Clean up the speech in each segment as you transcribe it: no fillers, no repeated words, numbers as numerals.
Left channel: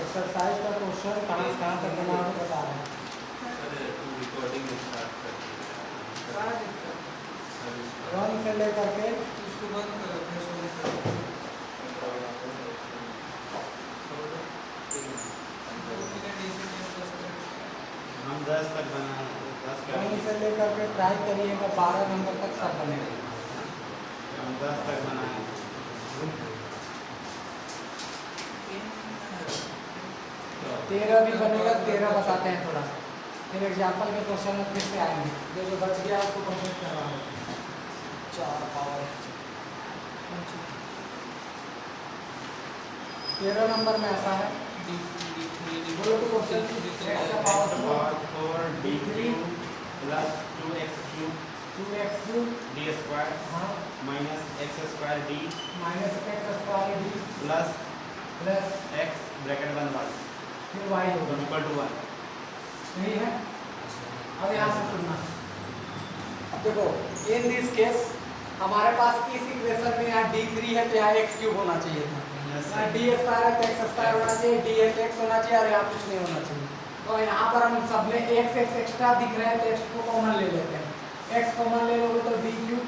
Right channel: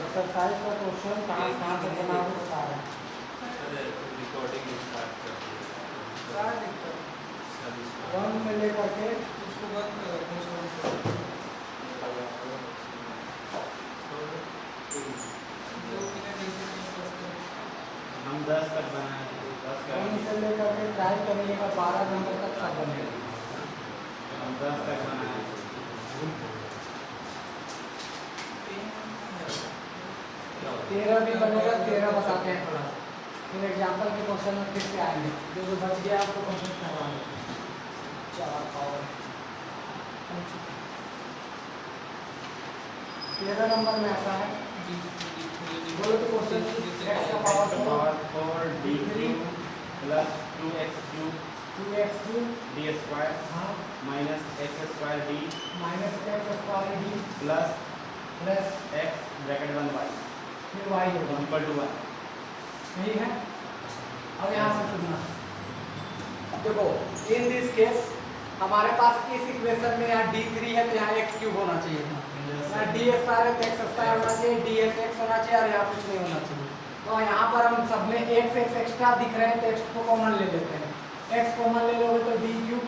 Exercise का question कहाँ से देना आप बता रहे हैं। रिकॉर्डिंग स्टार्ट कर वन से लेकर के इसको बंद हम 10 तक बनाए 1 से लेकर के ट्राई करिएगा 12 नंबर तक सब बनेगा। हम 10 तक बनाए 13 भी बनेगा, 13 बताते हैं थोड़ा, फिर एग्जाम्पल के क्वेश्चन में फिर से आएंगे। जो बच गया आपको कंप्लीट करवाएंगे 4 पावर 13 नंबर में ऐसा है, बोलो तो क्वेश्चन x का power 4 d3 plus 2x cube d square हाँ minus x square d minus x square d plus plus x bracket 1 y फिर y होगा इक्वल टू 1। सही है। अब यहाँ से सुनना, देखो इन दिस केस हमारे पास इस इक्वेशन में यहाँ d3 है तो यहाँ x क्यूब होना चाहिए था, यहाँ d स्क्वायर है तो x स्क्वायर होना चाहिए, dx होना चाहिए और यहाँ कुछ नहीं होना चाहिए। तो यहाँ पर हम सब में x एक्स्ट्रा दिख रहे हैं तो x को कॉमन ले लेते हैं। x कॉमन ले लोगे तो d क्यूब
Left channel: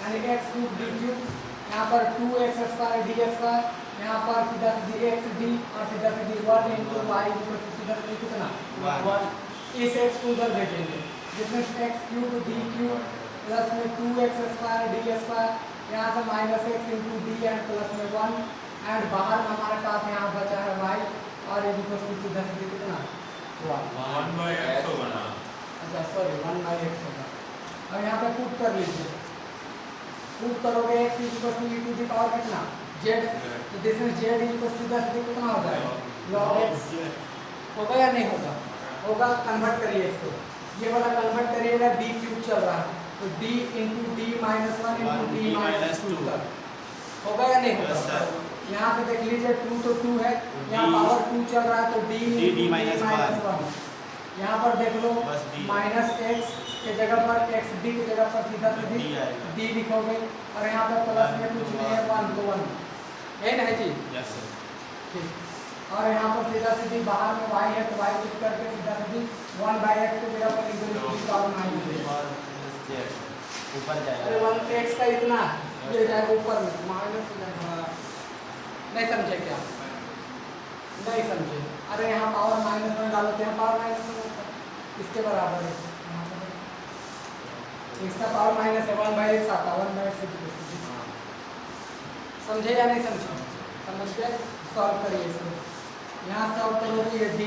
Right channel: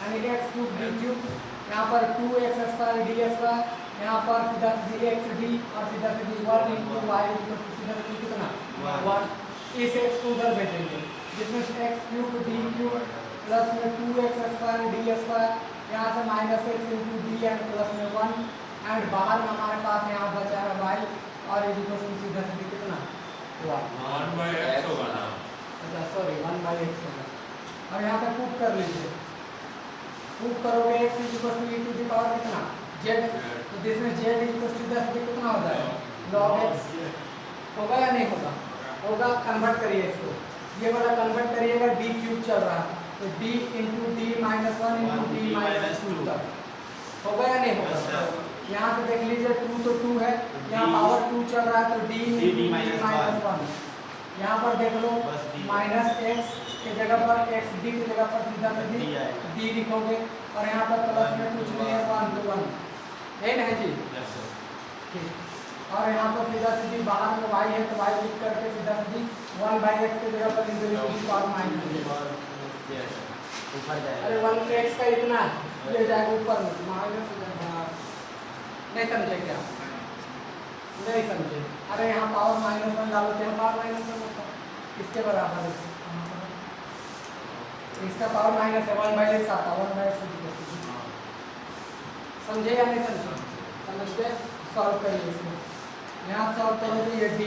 यानी x क्यूब d क्यूब, यहाँ पर 2x स्क्वायर d स्क्वायर, यहाँ पर सीधा सीधी x d और सीधा सीधी 1 इंटू वाई सीधा सीधी कितना 1। इस x को उधर भेजेंगे जिसमें x cube d cube plus में 2x स्क्वायर d स्क्वायर, यहाँ से minus x into d and plus में 1 एंड बाहर में हमारे पास यहाँ बचा है y और ये सीधा सीधी कितना 1/x होगा ना। अच्छा सॉरी 1/x होगा। अब यहाँ पे पुट कर लीजिए, पुट करोगे x equal to e to the power कितना z, तो दिस में z इक्वल सीधा सीधा कितना हो जाएगा log x होगा या नहीं होगा, होगा। कन्वर्ट करिए इसको, ये वाला कन्वर्ट करिएगा d क्यूब चल रहा है तो d into D minus 1 into D minus 2 तक होगा या नहीं होगा। यहाँ पे देख लीजिए 2 तो 2 है, यहाँ पावर 2 चल रहा है तो d इंटू डी माइनस 1। यहाँ पर देख लो माइनस x के जगह पर x d की जगह पर सीधा सीधी d लिखोगे और यहाँ पर प्लस में कुछ नहीं है 1 तो 1 है ना जी। ठीक, और यहाँ पर सीधा सीधी बाहर में y है तो y लिख करके सीधा सीधी 1/x की जगह पर पावर माइनस ऊपर जाएगा। अरे 1x का इतना ये जाएगा ऊपर में माइनस, नहीं समझे क्या, नहीं समझे। अरे यहाँ पावर -1 डालो तो पावर -1 होता है, इसके बराबर है, इसका पावर माइनस है 1/x आता है 1/x समझे या नहीं समझे, समझ के सॉल्व करिए इसको। यहाँ सॉल्व करोगे ये d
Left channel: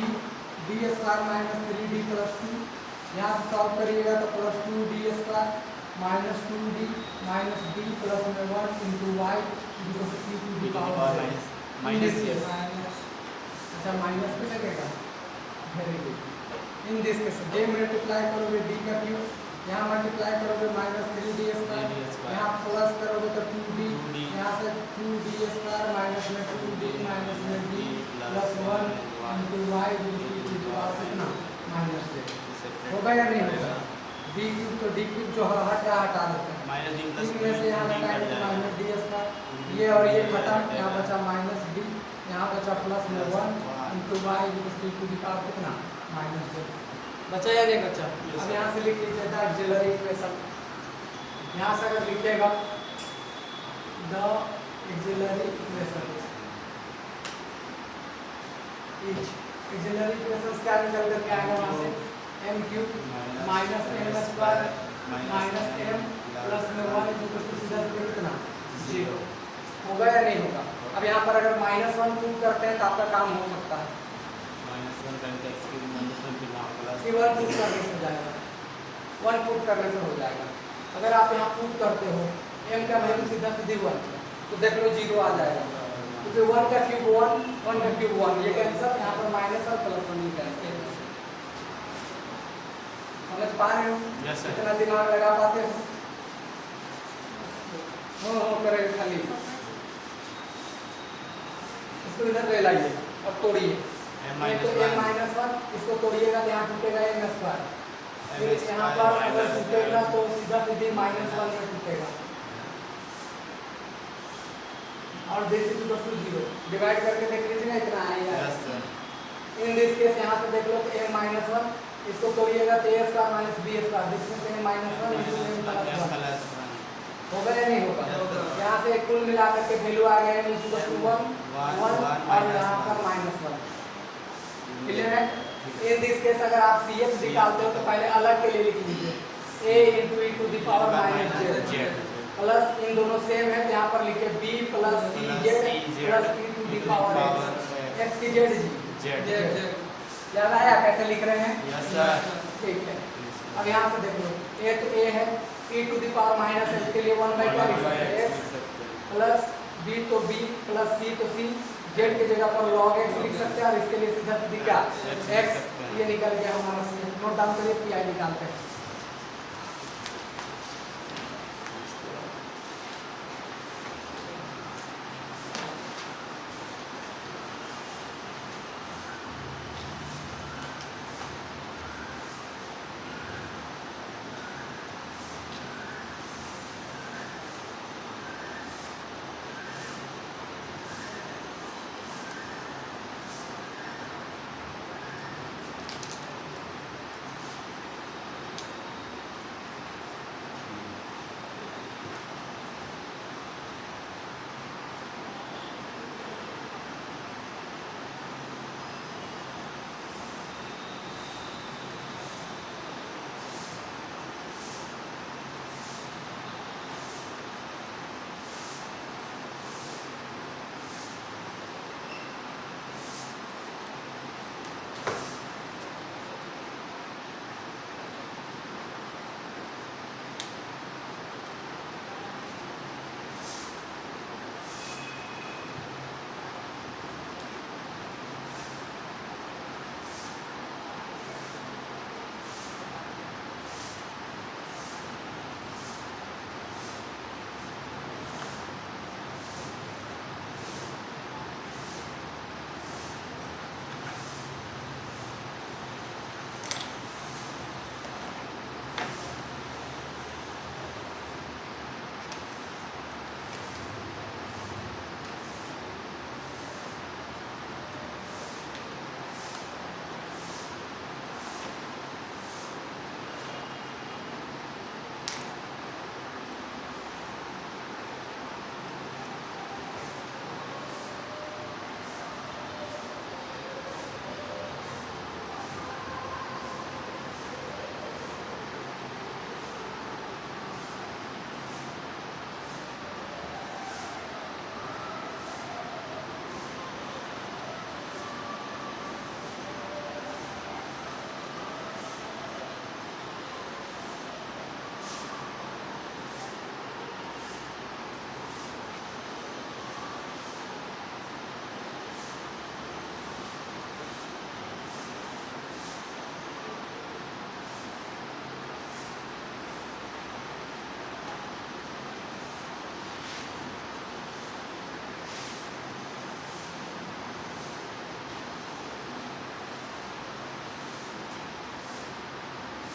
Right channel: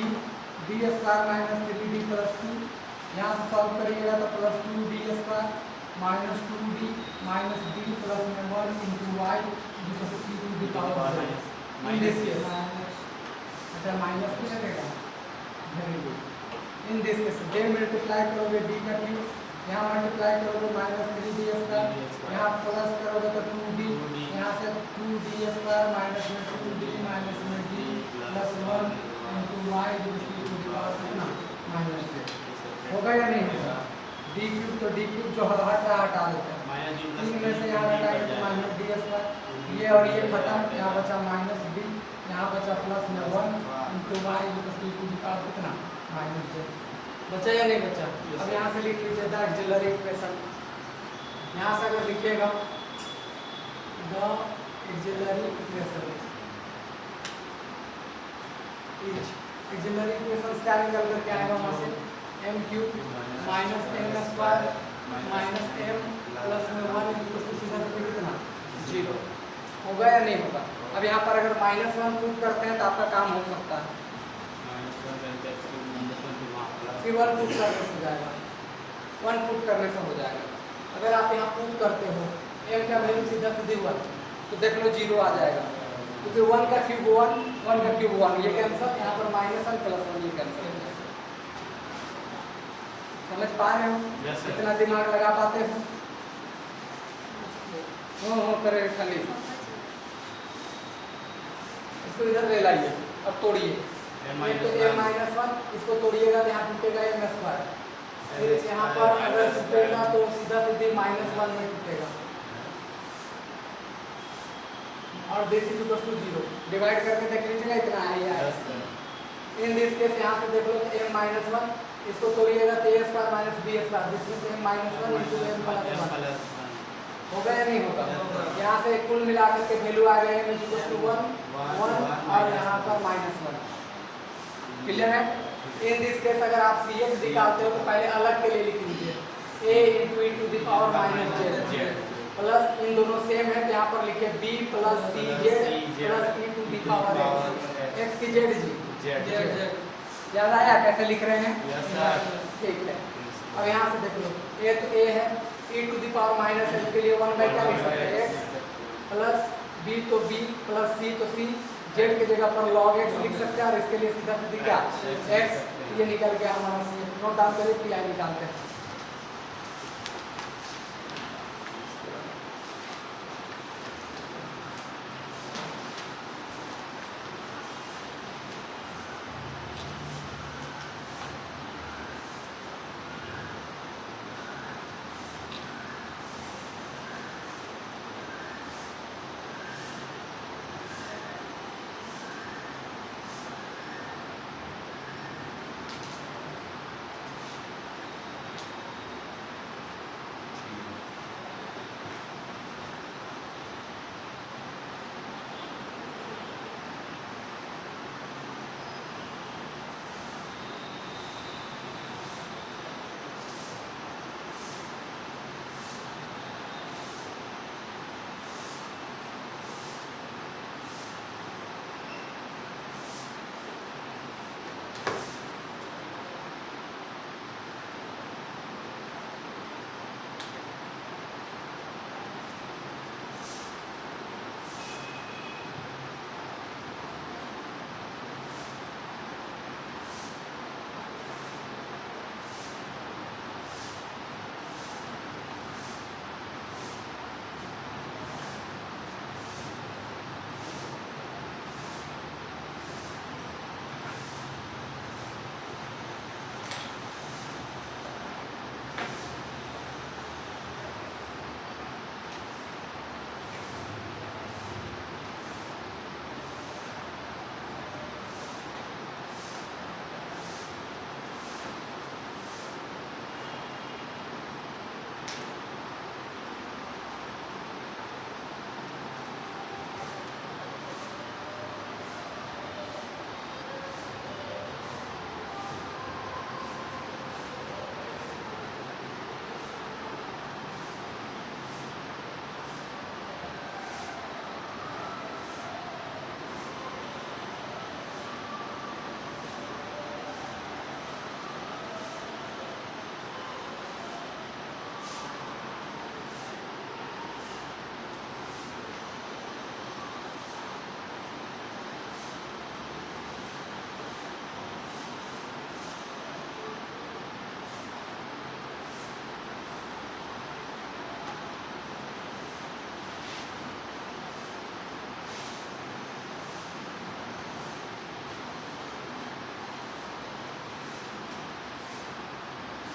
square minus 3d plus 2 यहाँ से सॉल्व करिएगा तो plus 2d square minus 2d minus d plus में 1 into y equal to e to the power minus अच्छा माइनस भी लगेगा very good in this case d multiply करोगे d का क्यू यहाँ मल्टीप्लाई करोगे माइनस 3d स्क्वायर यहाँ प्लस करोगे तो 2d यहाँ से 2d स्क्वायर माइनस में 2d माइनस में d plus 1 into y equal to the power कितना माइनस d होगा या नहीं होगा डी क्यूब तो डी क्यूब जो हटा देते हैं माइनस डी तीन में से यहाँ हटाएंगे तो माइनस डी स्क्वायर ये और ये खत्म यहाँ बचा माइनस डी यहाँ बचा प्लस में 1 into y equal to the power कितना माइनस j बचा या नहीं बचा अब यहाँ से लिख लीजिए द ऑक्सिलरी इक्वेशन यहाँ से अगर लिखिएगा the auxiliary equation auxiliary equation क्या निकल करके आएगा वहाँ से m cube minus m square minus m plus में 1 इक्वल टू सीधा कितना 0 होगा या नहीं होगा अब यहाँ पर अगर माइनस 1 पुट करते हैं तो आपका काम हो सकता है फिर 1 पुट करने से हो जाएगा 1 पुट करने से हो जाएगा अगर आप यहाँ पुट करते हो m का वैल्यू सीधा सीधे 1 तो देख लो 0 आ जाएगा क्योंकि 1 का क्यूब 1 का क्यूब 1 ये कैंसिल यहाँ पर माइनस 1 प्लस 1 ये कैंसिल समझ पा रहे हो Yes, sir. कितना दिमाग लगा पाते हो हो करे खाली इसको इधर ले लाइए और तोड़िए ये तो a माइनस 1 इसको तोड़िएगा तो यहाँ टूटेगा m स्क्वायर फिर यहाँ पर अगर टूटेगा तो सीधा सीधे माइनस 1 में टूटेगा और this is equal to 0 divide करके देख लीजिएगा इतना आएगा इन दिस केस यहाँ से देख लो a माइनस 1 इसको तोड़िएगा तो a square minus b square जिसमें से माइनस 1 इंटू m प्लस 1 होगा या नहीं होगा यहाँ से कुल मिला करके वैल्यू आ गया m इक्वल टू 1 और यहाँ पर माइनस 1 क्लियर है इन दिस केस अगर आप cx निकालते हो तो पहले अलग के लिए लिख लीजिए a into e to the power minus j plus इन दोनों सेम है तो यहाँ पर लिखे b plus cz plus e to the power x की z ज़्यादा आया कैसे लिख रहे हैं Yes, sir. ठीक है अब यहाँ से देख लो a तो a है e to the power minus h के लिए 1 बाई क्या लिख सकते हैं x प्लस b तो b प्लस c तो c z की जगह पर log x लिख सकते हैं और इसके लिए सीधा सीधी क्या x ये निकल गया हमारा c नोट डाउन करिए pi निकालते हैं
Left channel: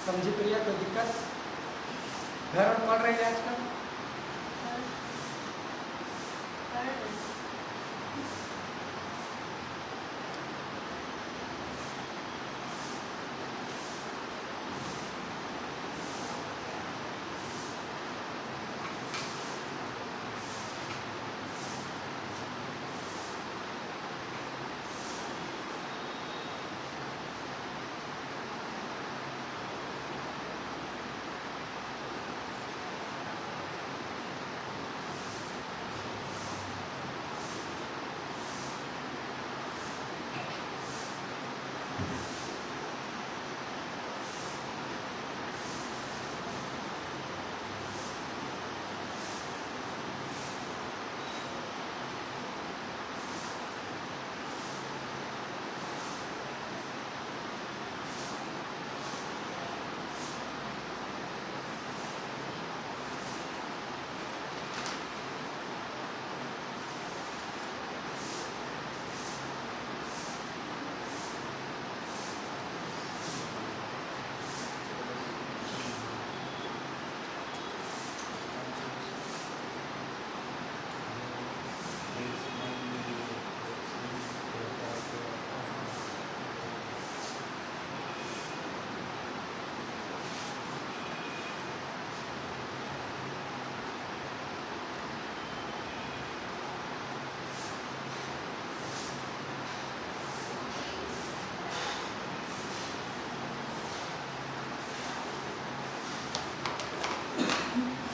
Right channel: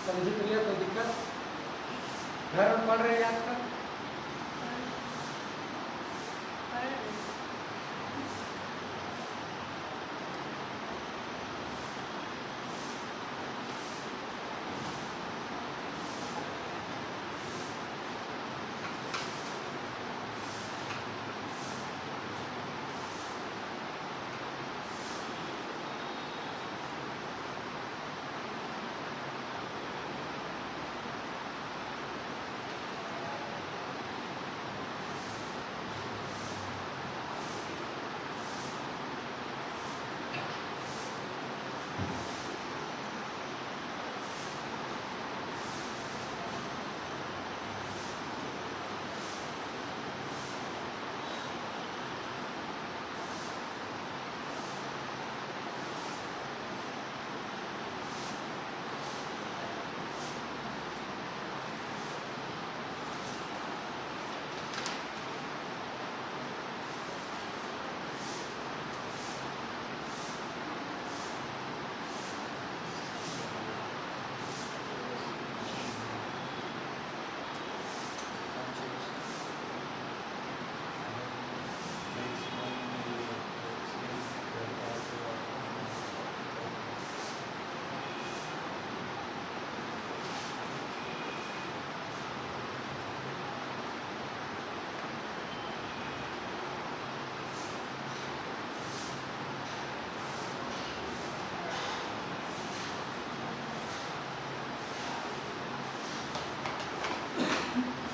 समझी प्रिया? कोई दिक्कत? घर में पढ़ रहे हैं आजकल?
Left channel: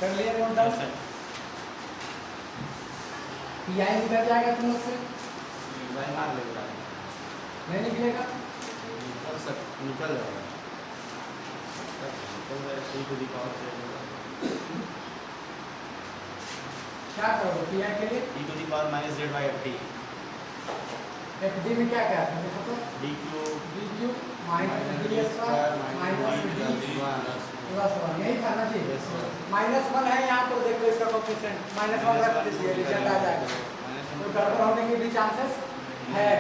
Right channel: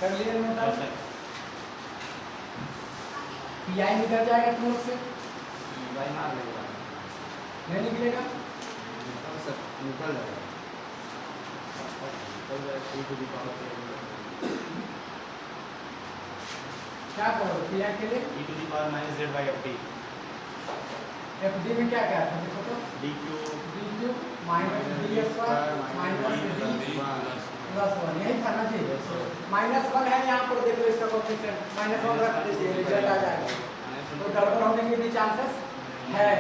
कर लिया नोट डाउन? पीआई निकल जाएगा तुम लोग से? नहीं निकलेगा? निकल जाएगा। क्या करोगे पीआई के लिए? e to the power minus z by ft FD में क्या क्या है देखो तो? dq dq minus D square minus D plus 1 यही था ना जी? -1 है यहाँ पर देखो इसका कोएफिशिएंट -1 रख दीजिए रिजल्ट आ जाएगा। कोई गड़बड़ होने के भी चांसेस है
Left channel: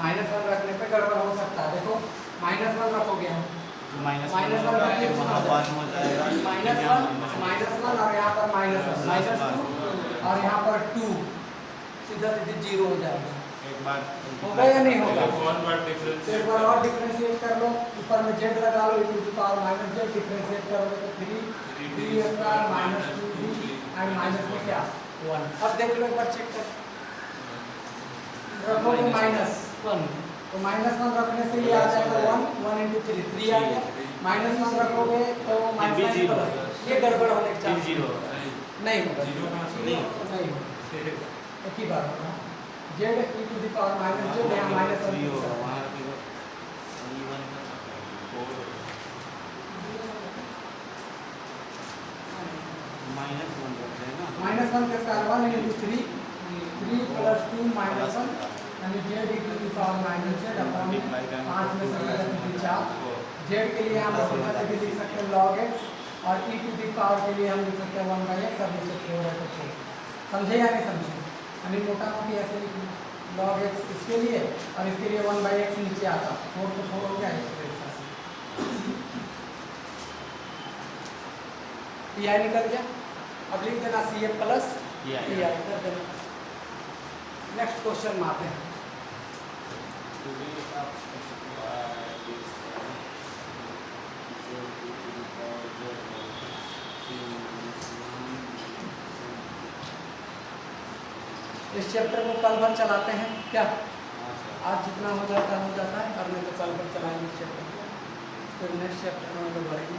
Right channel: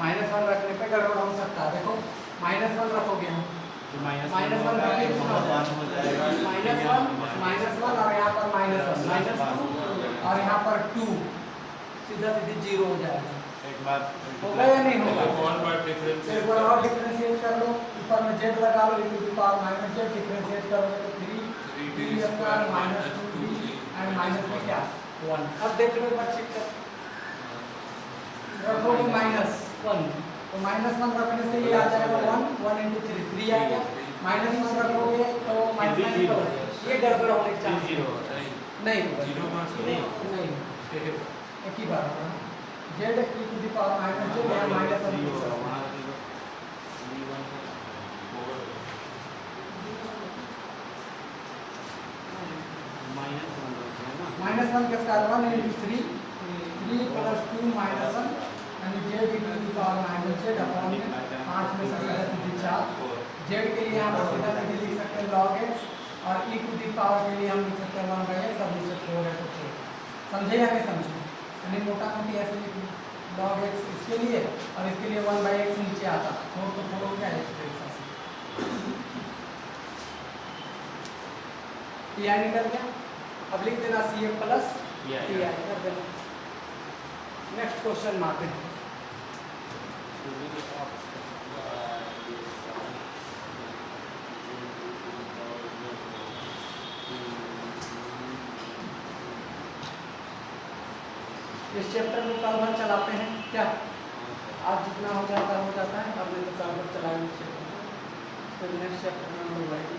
-1 रखने पे गड़बड़ हो सकता है। देखो -1 रखोगे हम -1 रखोगे -1 और यहाँ पर -2 और यहाँ पर 2 सीधा सीधी 0 हो जाएगा। एक बात होगा या नहीं होगा? कौन बार डिफरेंस एक बार और डिफरेंशिएट कर लो, ऊपर में z लगा लो, e to the power minus z differentiate करोगे तो 3d square minus 2d and minus में क्या 1। अब देख लो एक बार चेक कर, रखोगे -1 तो -1 रखने से ये आ जाएगा 1 into 3 आ गया। -1 रखोगे तो -1 ये गड़बड़ होने के चांस नहीं होगा। नहीं एक ही बात होगा z e to the power minus z यहाँ -1 -1 के स्क्वायर 1 into 3 plus 2 -1 यानी z e to the power minus z upon 5 में से 4 z के लिए यहाँ पर सीधा से भी लिख सकते हैं log x और e to the power के लिए हम लिख सकते हैं 1/x और नीचे 4 है तो 4। समझे या नहीं समझे? यानी मोटा मोटी ऐसे लिख log x इसके लिए और इसके लिए 1/x नीचे आता 4 तो 4 हो गया एक तरीके से पीआई निकल गया। अब लिख देना सी ए प्लस पीआई कर देना। नेक्स्ट क्वेश्चन में आते हैं। इस चैप्टर में कल भर चलाते हैं क्या? आज जितना हो जाता है कल नहीं तो कल भर चलाएंगे चैप्टर को, फिर नेक्स्ट चैप्टर में हम बुलवाएंगे।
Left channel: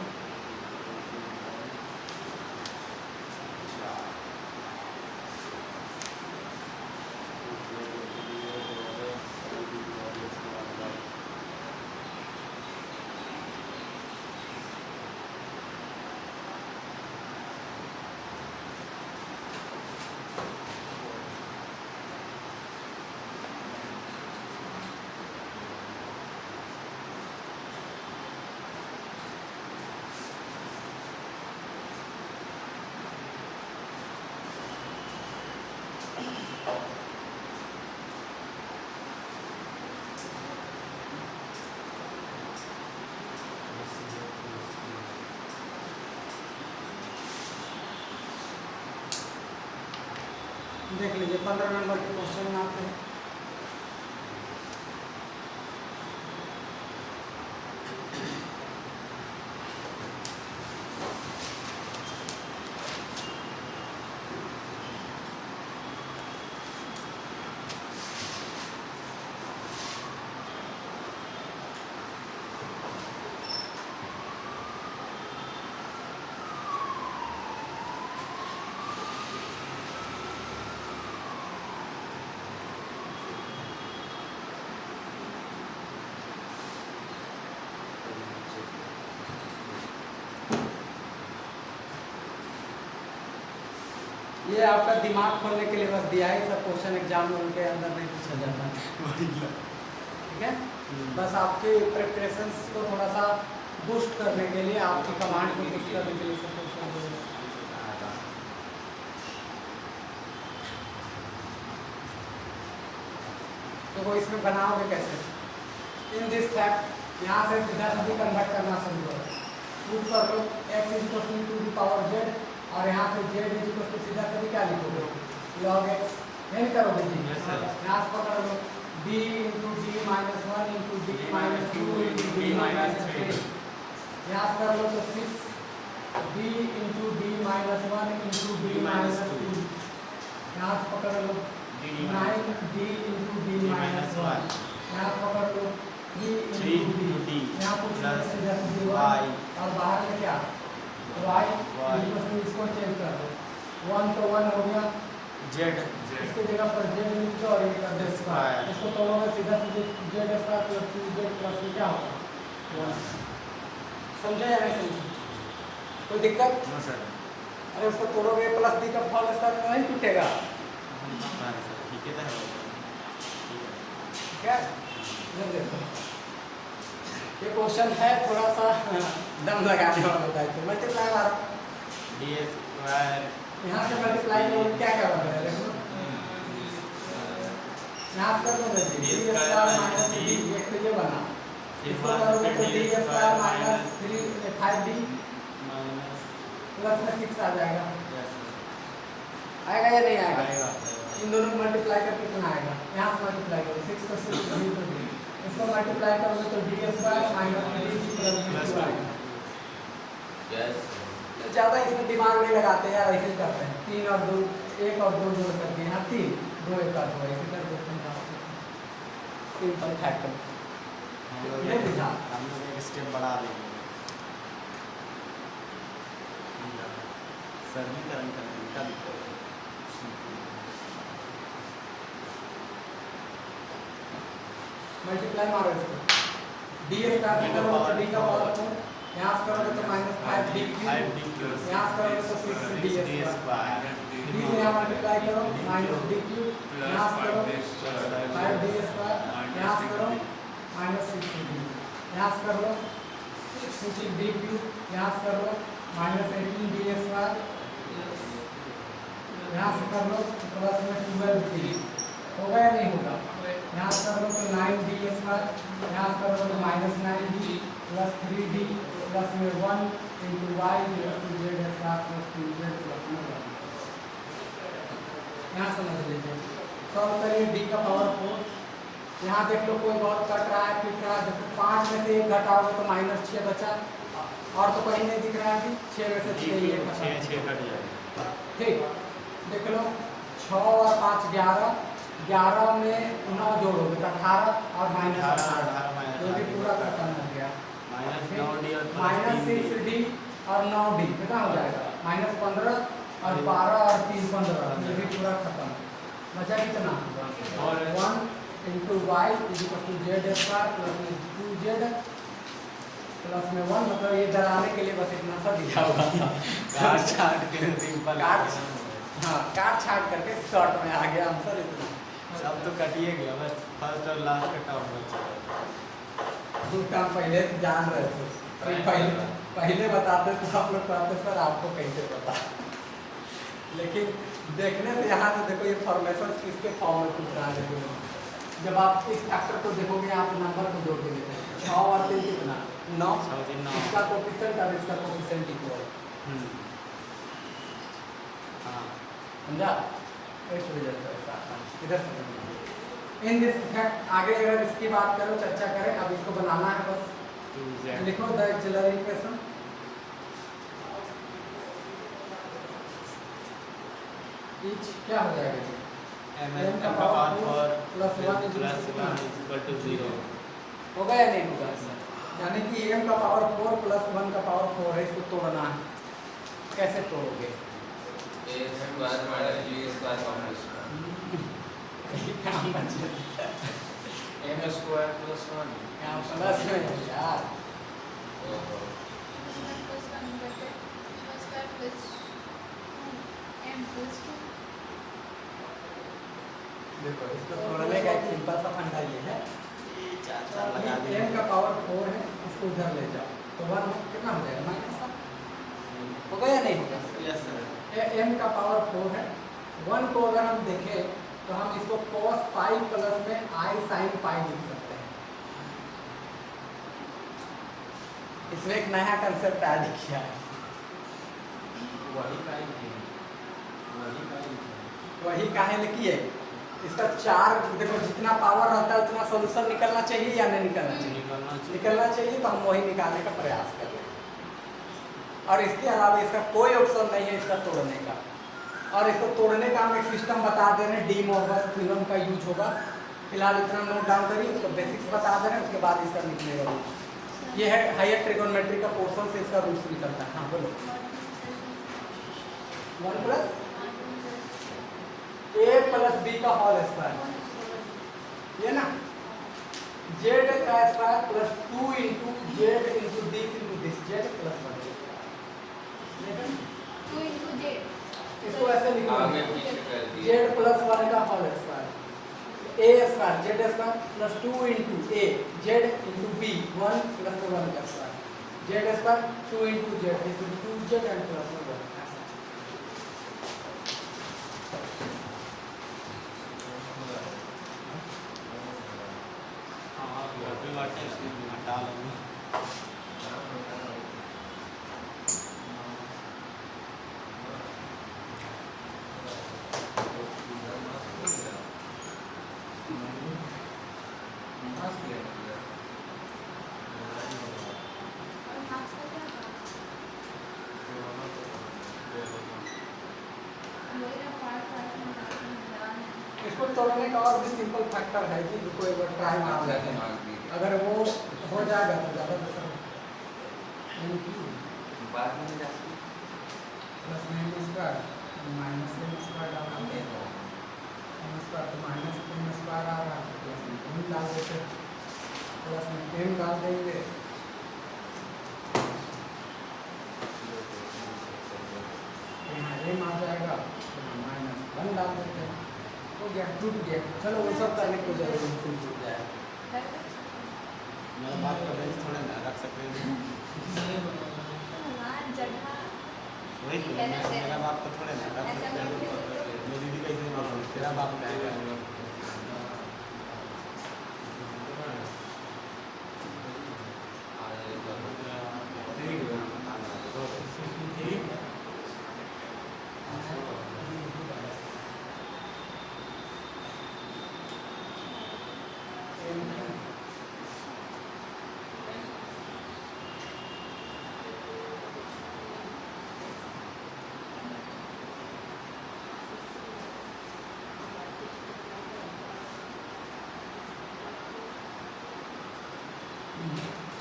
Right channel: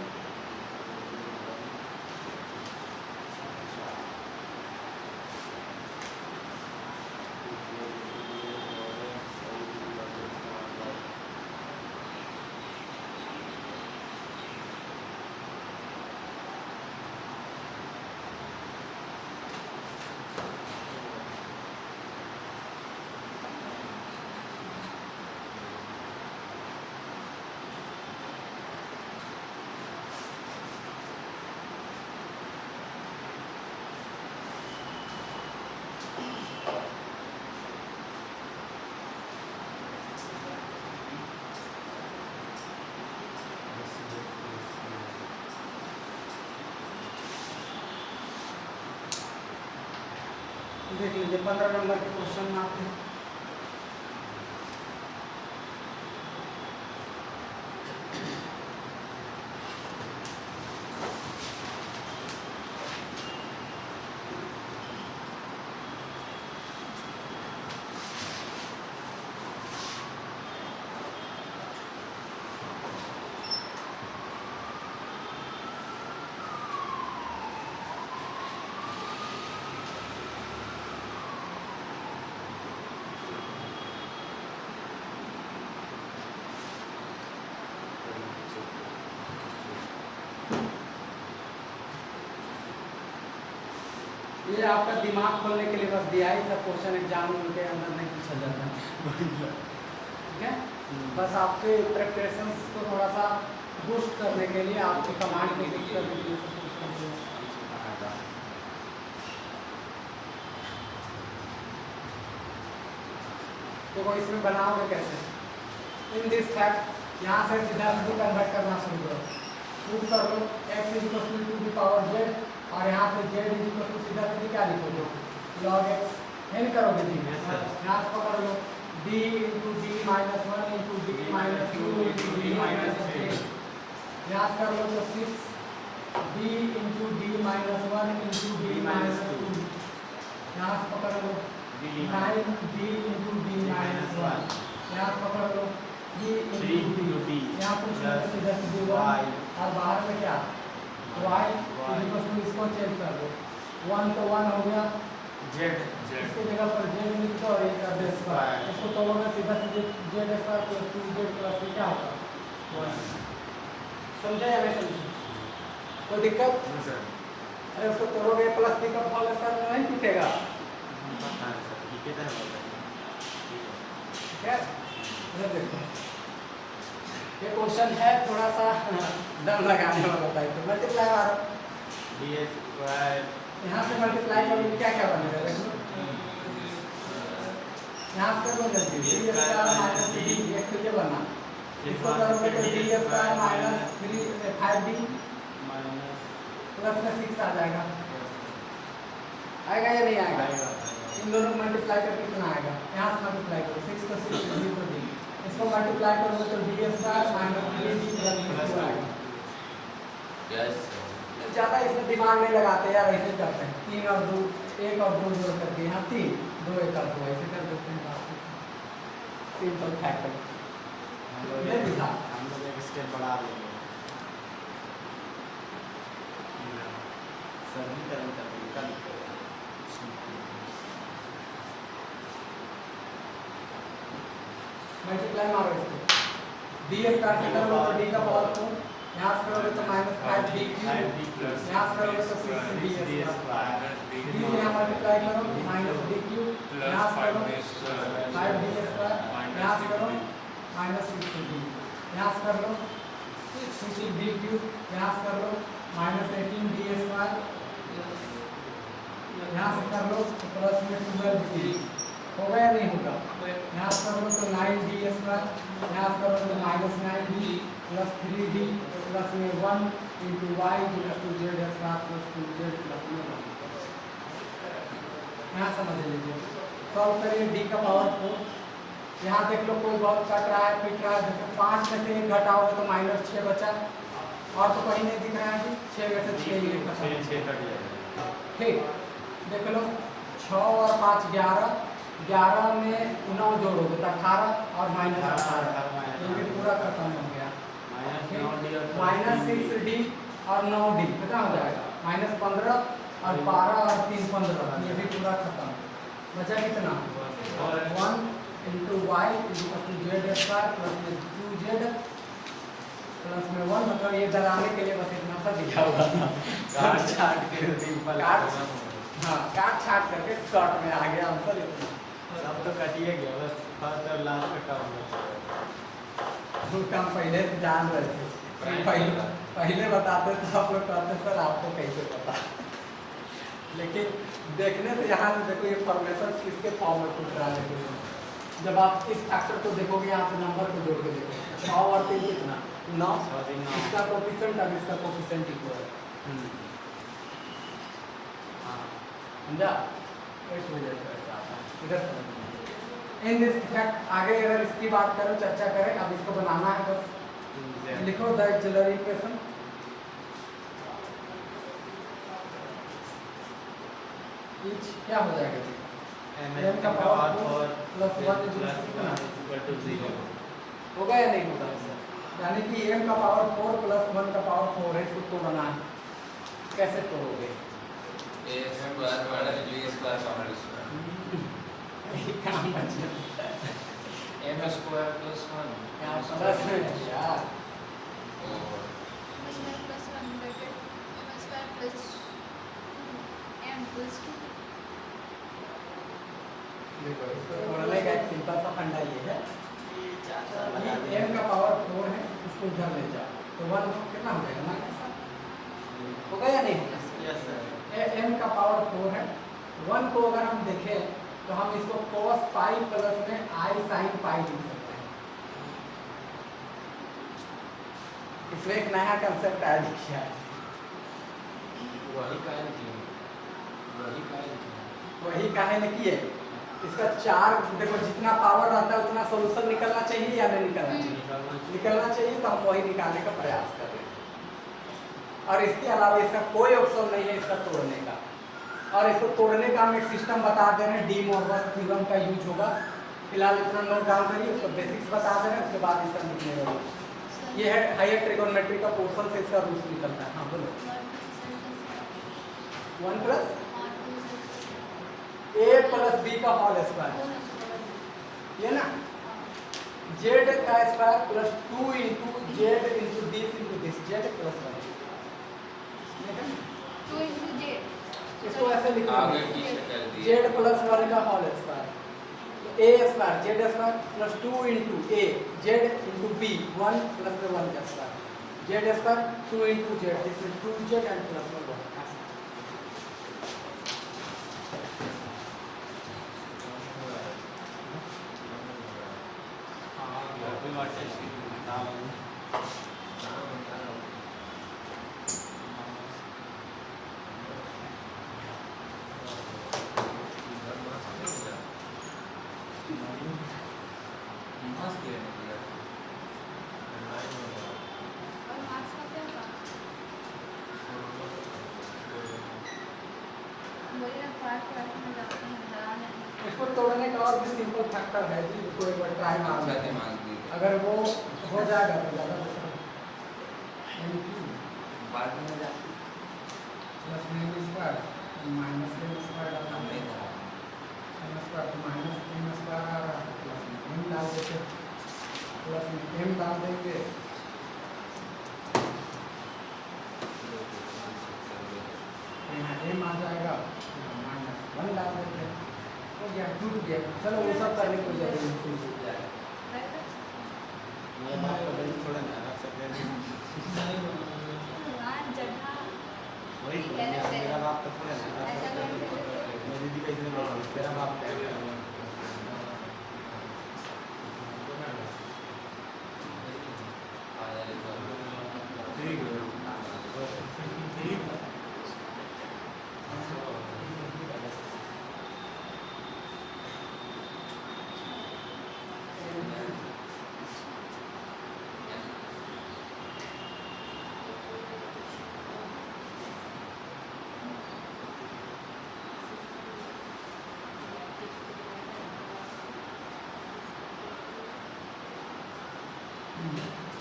देख लीजिए 15 नंबर के क्वेश्चन में आते हैं। ये आपका दिमाग खोलने के लिए बस दिया है, सब क्वेश्चन एग्जाम में उनके अंदर नहीं पूछा जाता है। ठीक है, बस आपके प्रिपरेशंस को थोड़ा सा बूस्ट करने के लिए आपके कमांड को लिख कर के लिए सब क्वेश्चन दिया है। देखो इसमें बनाओगे कैसे, इन दिस फैक्ट यहाँ से सीधा सीधी कन्वर्ट करना शुरू करो, प्रूव कर लो x is equal to the power z, और यहाँ से z इज इक्वल टू सीधा सीधी क्या लिखोगे log x, नहीं करोगे जी, यहाँ से पकड़ लो d into d minus 1 into d minus 2 into d minus 3, यहाँ से कर लो तो 6 d into d minus 1 into d minus 2, यहाँ से पकड़ लो 9 d इंटू d माइनस 1, यहाँ से पकड़ लो 3 इंटू d, यहाँ पूछ लो सीधा सीधी 1, और बाहर में क्या y, इसको चेंज कर दो, 1 तो 1 हो गया, z इसकी जगह पर z लिख दो और ये कर दो स्क्वायर, इसको तोड़ोगे सीधा सीधे z square plus 2z plus में क्या होगा 1। समझा या नहीं समझा, कोई दिक्कत? सर अरे उसको तोड़ोगे प्लस दी का फॉल स्क्वायर नहीं टूटेगा, ठीक है, ठीक है। इधर देखो, ये क्वेश्चन है थोड़ा सा दम लगाने वाला होता है, तो मल्टीप्लाई आ ds स्क्वायर यहाँ से मल्टीप्लाई करोगे क्या क्या बनेगा देखो, यहाँ से करोगे डी स्क्वायर माइनस 3, एक तो ये बना, इसको करोगे तो D square minus 5d plus में 6 आ जाएगा, आएगा या नहीं आएगा? इन दोनों को मल्टीप्लाई करके कितना आएगा, यहाँ से मल्टीप्लाई करो 6 तो 6 d तो d, इसको मल्टीप्लाई करोगे तो D square minus 3d plus में 2 आएगा। ज़्यादा इसमें दिमाग नहीं लगाते यार, ऐसे ही करते हैं 3 और 2, 1 और 2 जोड़ करके यहाँ 3 2 1 और 2 ऐसे कर देते हैं, सिंपल फैक्टर नहीं बुझा, हम लोग एक स्टेप बढ़ा देंगे, समीकरण का तरीका लिखो, मल्टीप्लाई मारो इसको, डी स्क्वायर से करोगे तो डी का पावर 4, यहाँ से करोगे तो माइनस 5d क्यूब, यहाँ से करोगे तो 6d स्क्वायर, डी यहाँ मल्टीप्लाई करो माइनस d क्यूब, यहाँ से करो 5d स्क्वायर, यहाँ से करो माइनस 6d, यहाँ से कर लो 6d क्यूब, यहाँ से कर लो माइनस 18d स्क्वायर, यहाँ से कर लो प्लस में 12d, होगा या नहीं होगा? यहाँ से कर लो तो 9d स्क्वायर, यहाँ से करो तो minus 9d plus 3d plus में 1 into y to z square plus 2z plus में 1, यहाँ समझ लीजिए। सॉल्व करिए डी का पावर 4, यहाँ देख लो कोई बहुत कट रहा है पिट रहा है, देखो 5 में से 1 घटाओगे तो माइनस 6 बचा, और तो कहीं नहीं दिख रहा है जी, 6 में से 6 ये कटा, 6 कट जाएगा, ठीक देख लो 6 और 5 11, 11 में 9 जोड़ोगे तो 18 और माइनस 18, ये भी पूरा खत्म हो गया, माइनस 6d और 9d कितना हो जाएगा माइनस 15 और 12 और 3 15, ये भी पूरा खत्म, बचा कितना 1 into y is equal to z square plus में 2z प्लस में 1, मतलब ये डराने के लिए बस इतना सा दिया हुआ था, काट छाट के सिंपल, हाँ काट छाट करके शॉर्ट में आ गया आंसर इतना, सब तो कटिए गया, बस फर्स्ट और लास्ट कटा हुआ दो काम पहले से जान रहे थे, पहले बताते तो आप लोग कहते सर आपको कैसे पता, लेकिन देखने से यहाँ से देखो ये फॉर्मेशन किसके फॉर्म में कुछ रहा है, जब आप इस फैक्टर को देखोगे आप नंबर को जोड़ के देखोगे 6 और 3 कितना 9, इसका कोफिशिएंट और इसका कोफिशिएंट इक्वल, समझा? इस वजह से ऐसा आता है। इधर से इन दिस इफेक्ट आगे अगर इसकी बात करें, चर्चा करें, अब इसको बनाना है बस। लिखो द एक्सिलरी इक्वेशन। ईच क्या हो जाएगा जी? m का पावर 4 प्लस 1 इक्वल टू 0 होगा या नहीं होगा? यानी कि m का पावर 4 प्लस 1 का पावर 4 है, इसको तोड़ना है। कैसे तोड़ोगे? a square minus b square complex m square plus 1 यहाँ प्लस है यार। देखो इसको तोड़ने का एक सिंपल सा फंडा ये है, m का पावर 4 है, इसको इधर ले जाओ तो 1 कितना हो जाएगा? माइनस होगा या नहीं होगा? Yes sir. m का पावर 4 है। 1 को अगर हम देखें तो हम इसको cos पाई प्लस में i sin पाई लिख सकते हैं। इसमें एक नया कंसेप्ट ऐड किया है। वही काहे लिखी है? इसका 4 देखो जितना पावर रहता है उतना सोल्यूशन निकलना चाहिए या नहीं निकलना चाहिए? निकलना चाहिए, तो हम वही निकालने का प्रयास कर रहे हैं। और इसके अलावा इसका कोई ऑप्शन नहीं है इसका तोड़ने का। और इसको तोड़ने का हम एक सिस्टम बता दे रहे हैं, डी मोरगस थ्योरम का यूज होगा। फिलहाल इतना नोट डाउन करिए, इसका बेसिक्स बता दे रहे हैं, उसके बाद इसका निकलेगा। ये है हायर ट्रिगोनोमेट्री का पोर्शन से इसका रूल्स निकलता है। हाँ बोलो। 1 प्लस a प्लस b का होल स्क्वायर, ये ना z का square plus 2 into z into this into this Z plus 1। इसको ऐसे लिखो आगे पीछे कर दिए z प्लस 1 का whole square, a square z square plus 2 into a z into b 1 plus 1 का square z square 2 into z, इसमें 2z एंड प्लस 1। इसको तोड़ने का और भी सिंपल फैक्टर है जी, इसको एक बार ट्राई मार लेते हैं। अगर वो हो जाएगा तो ज़्यादा बेहतर है। बाद में जाके plus m square minus m square डालना है, m स्क्वायर तो माइनस m स्क्वायर आ रहा है, प्लस m डाल देते, प्लस m डाल देंगे, यहाँ m आ जाएगा, माइनस 1 डाल देते हैं, हो गया, टूट गया। चलो वो सब करने को जरूरी नहीं, टूट जाएगा। मेरे बाप का बेंच थोड़ा ध्यान रख सकते हैं। वही तो मेरा बाप का थोड़ा ध्यान रख सकते हैं। मेरी दीदी कैसे बोल तेरा बाप क्या करेगा?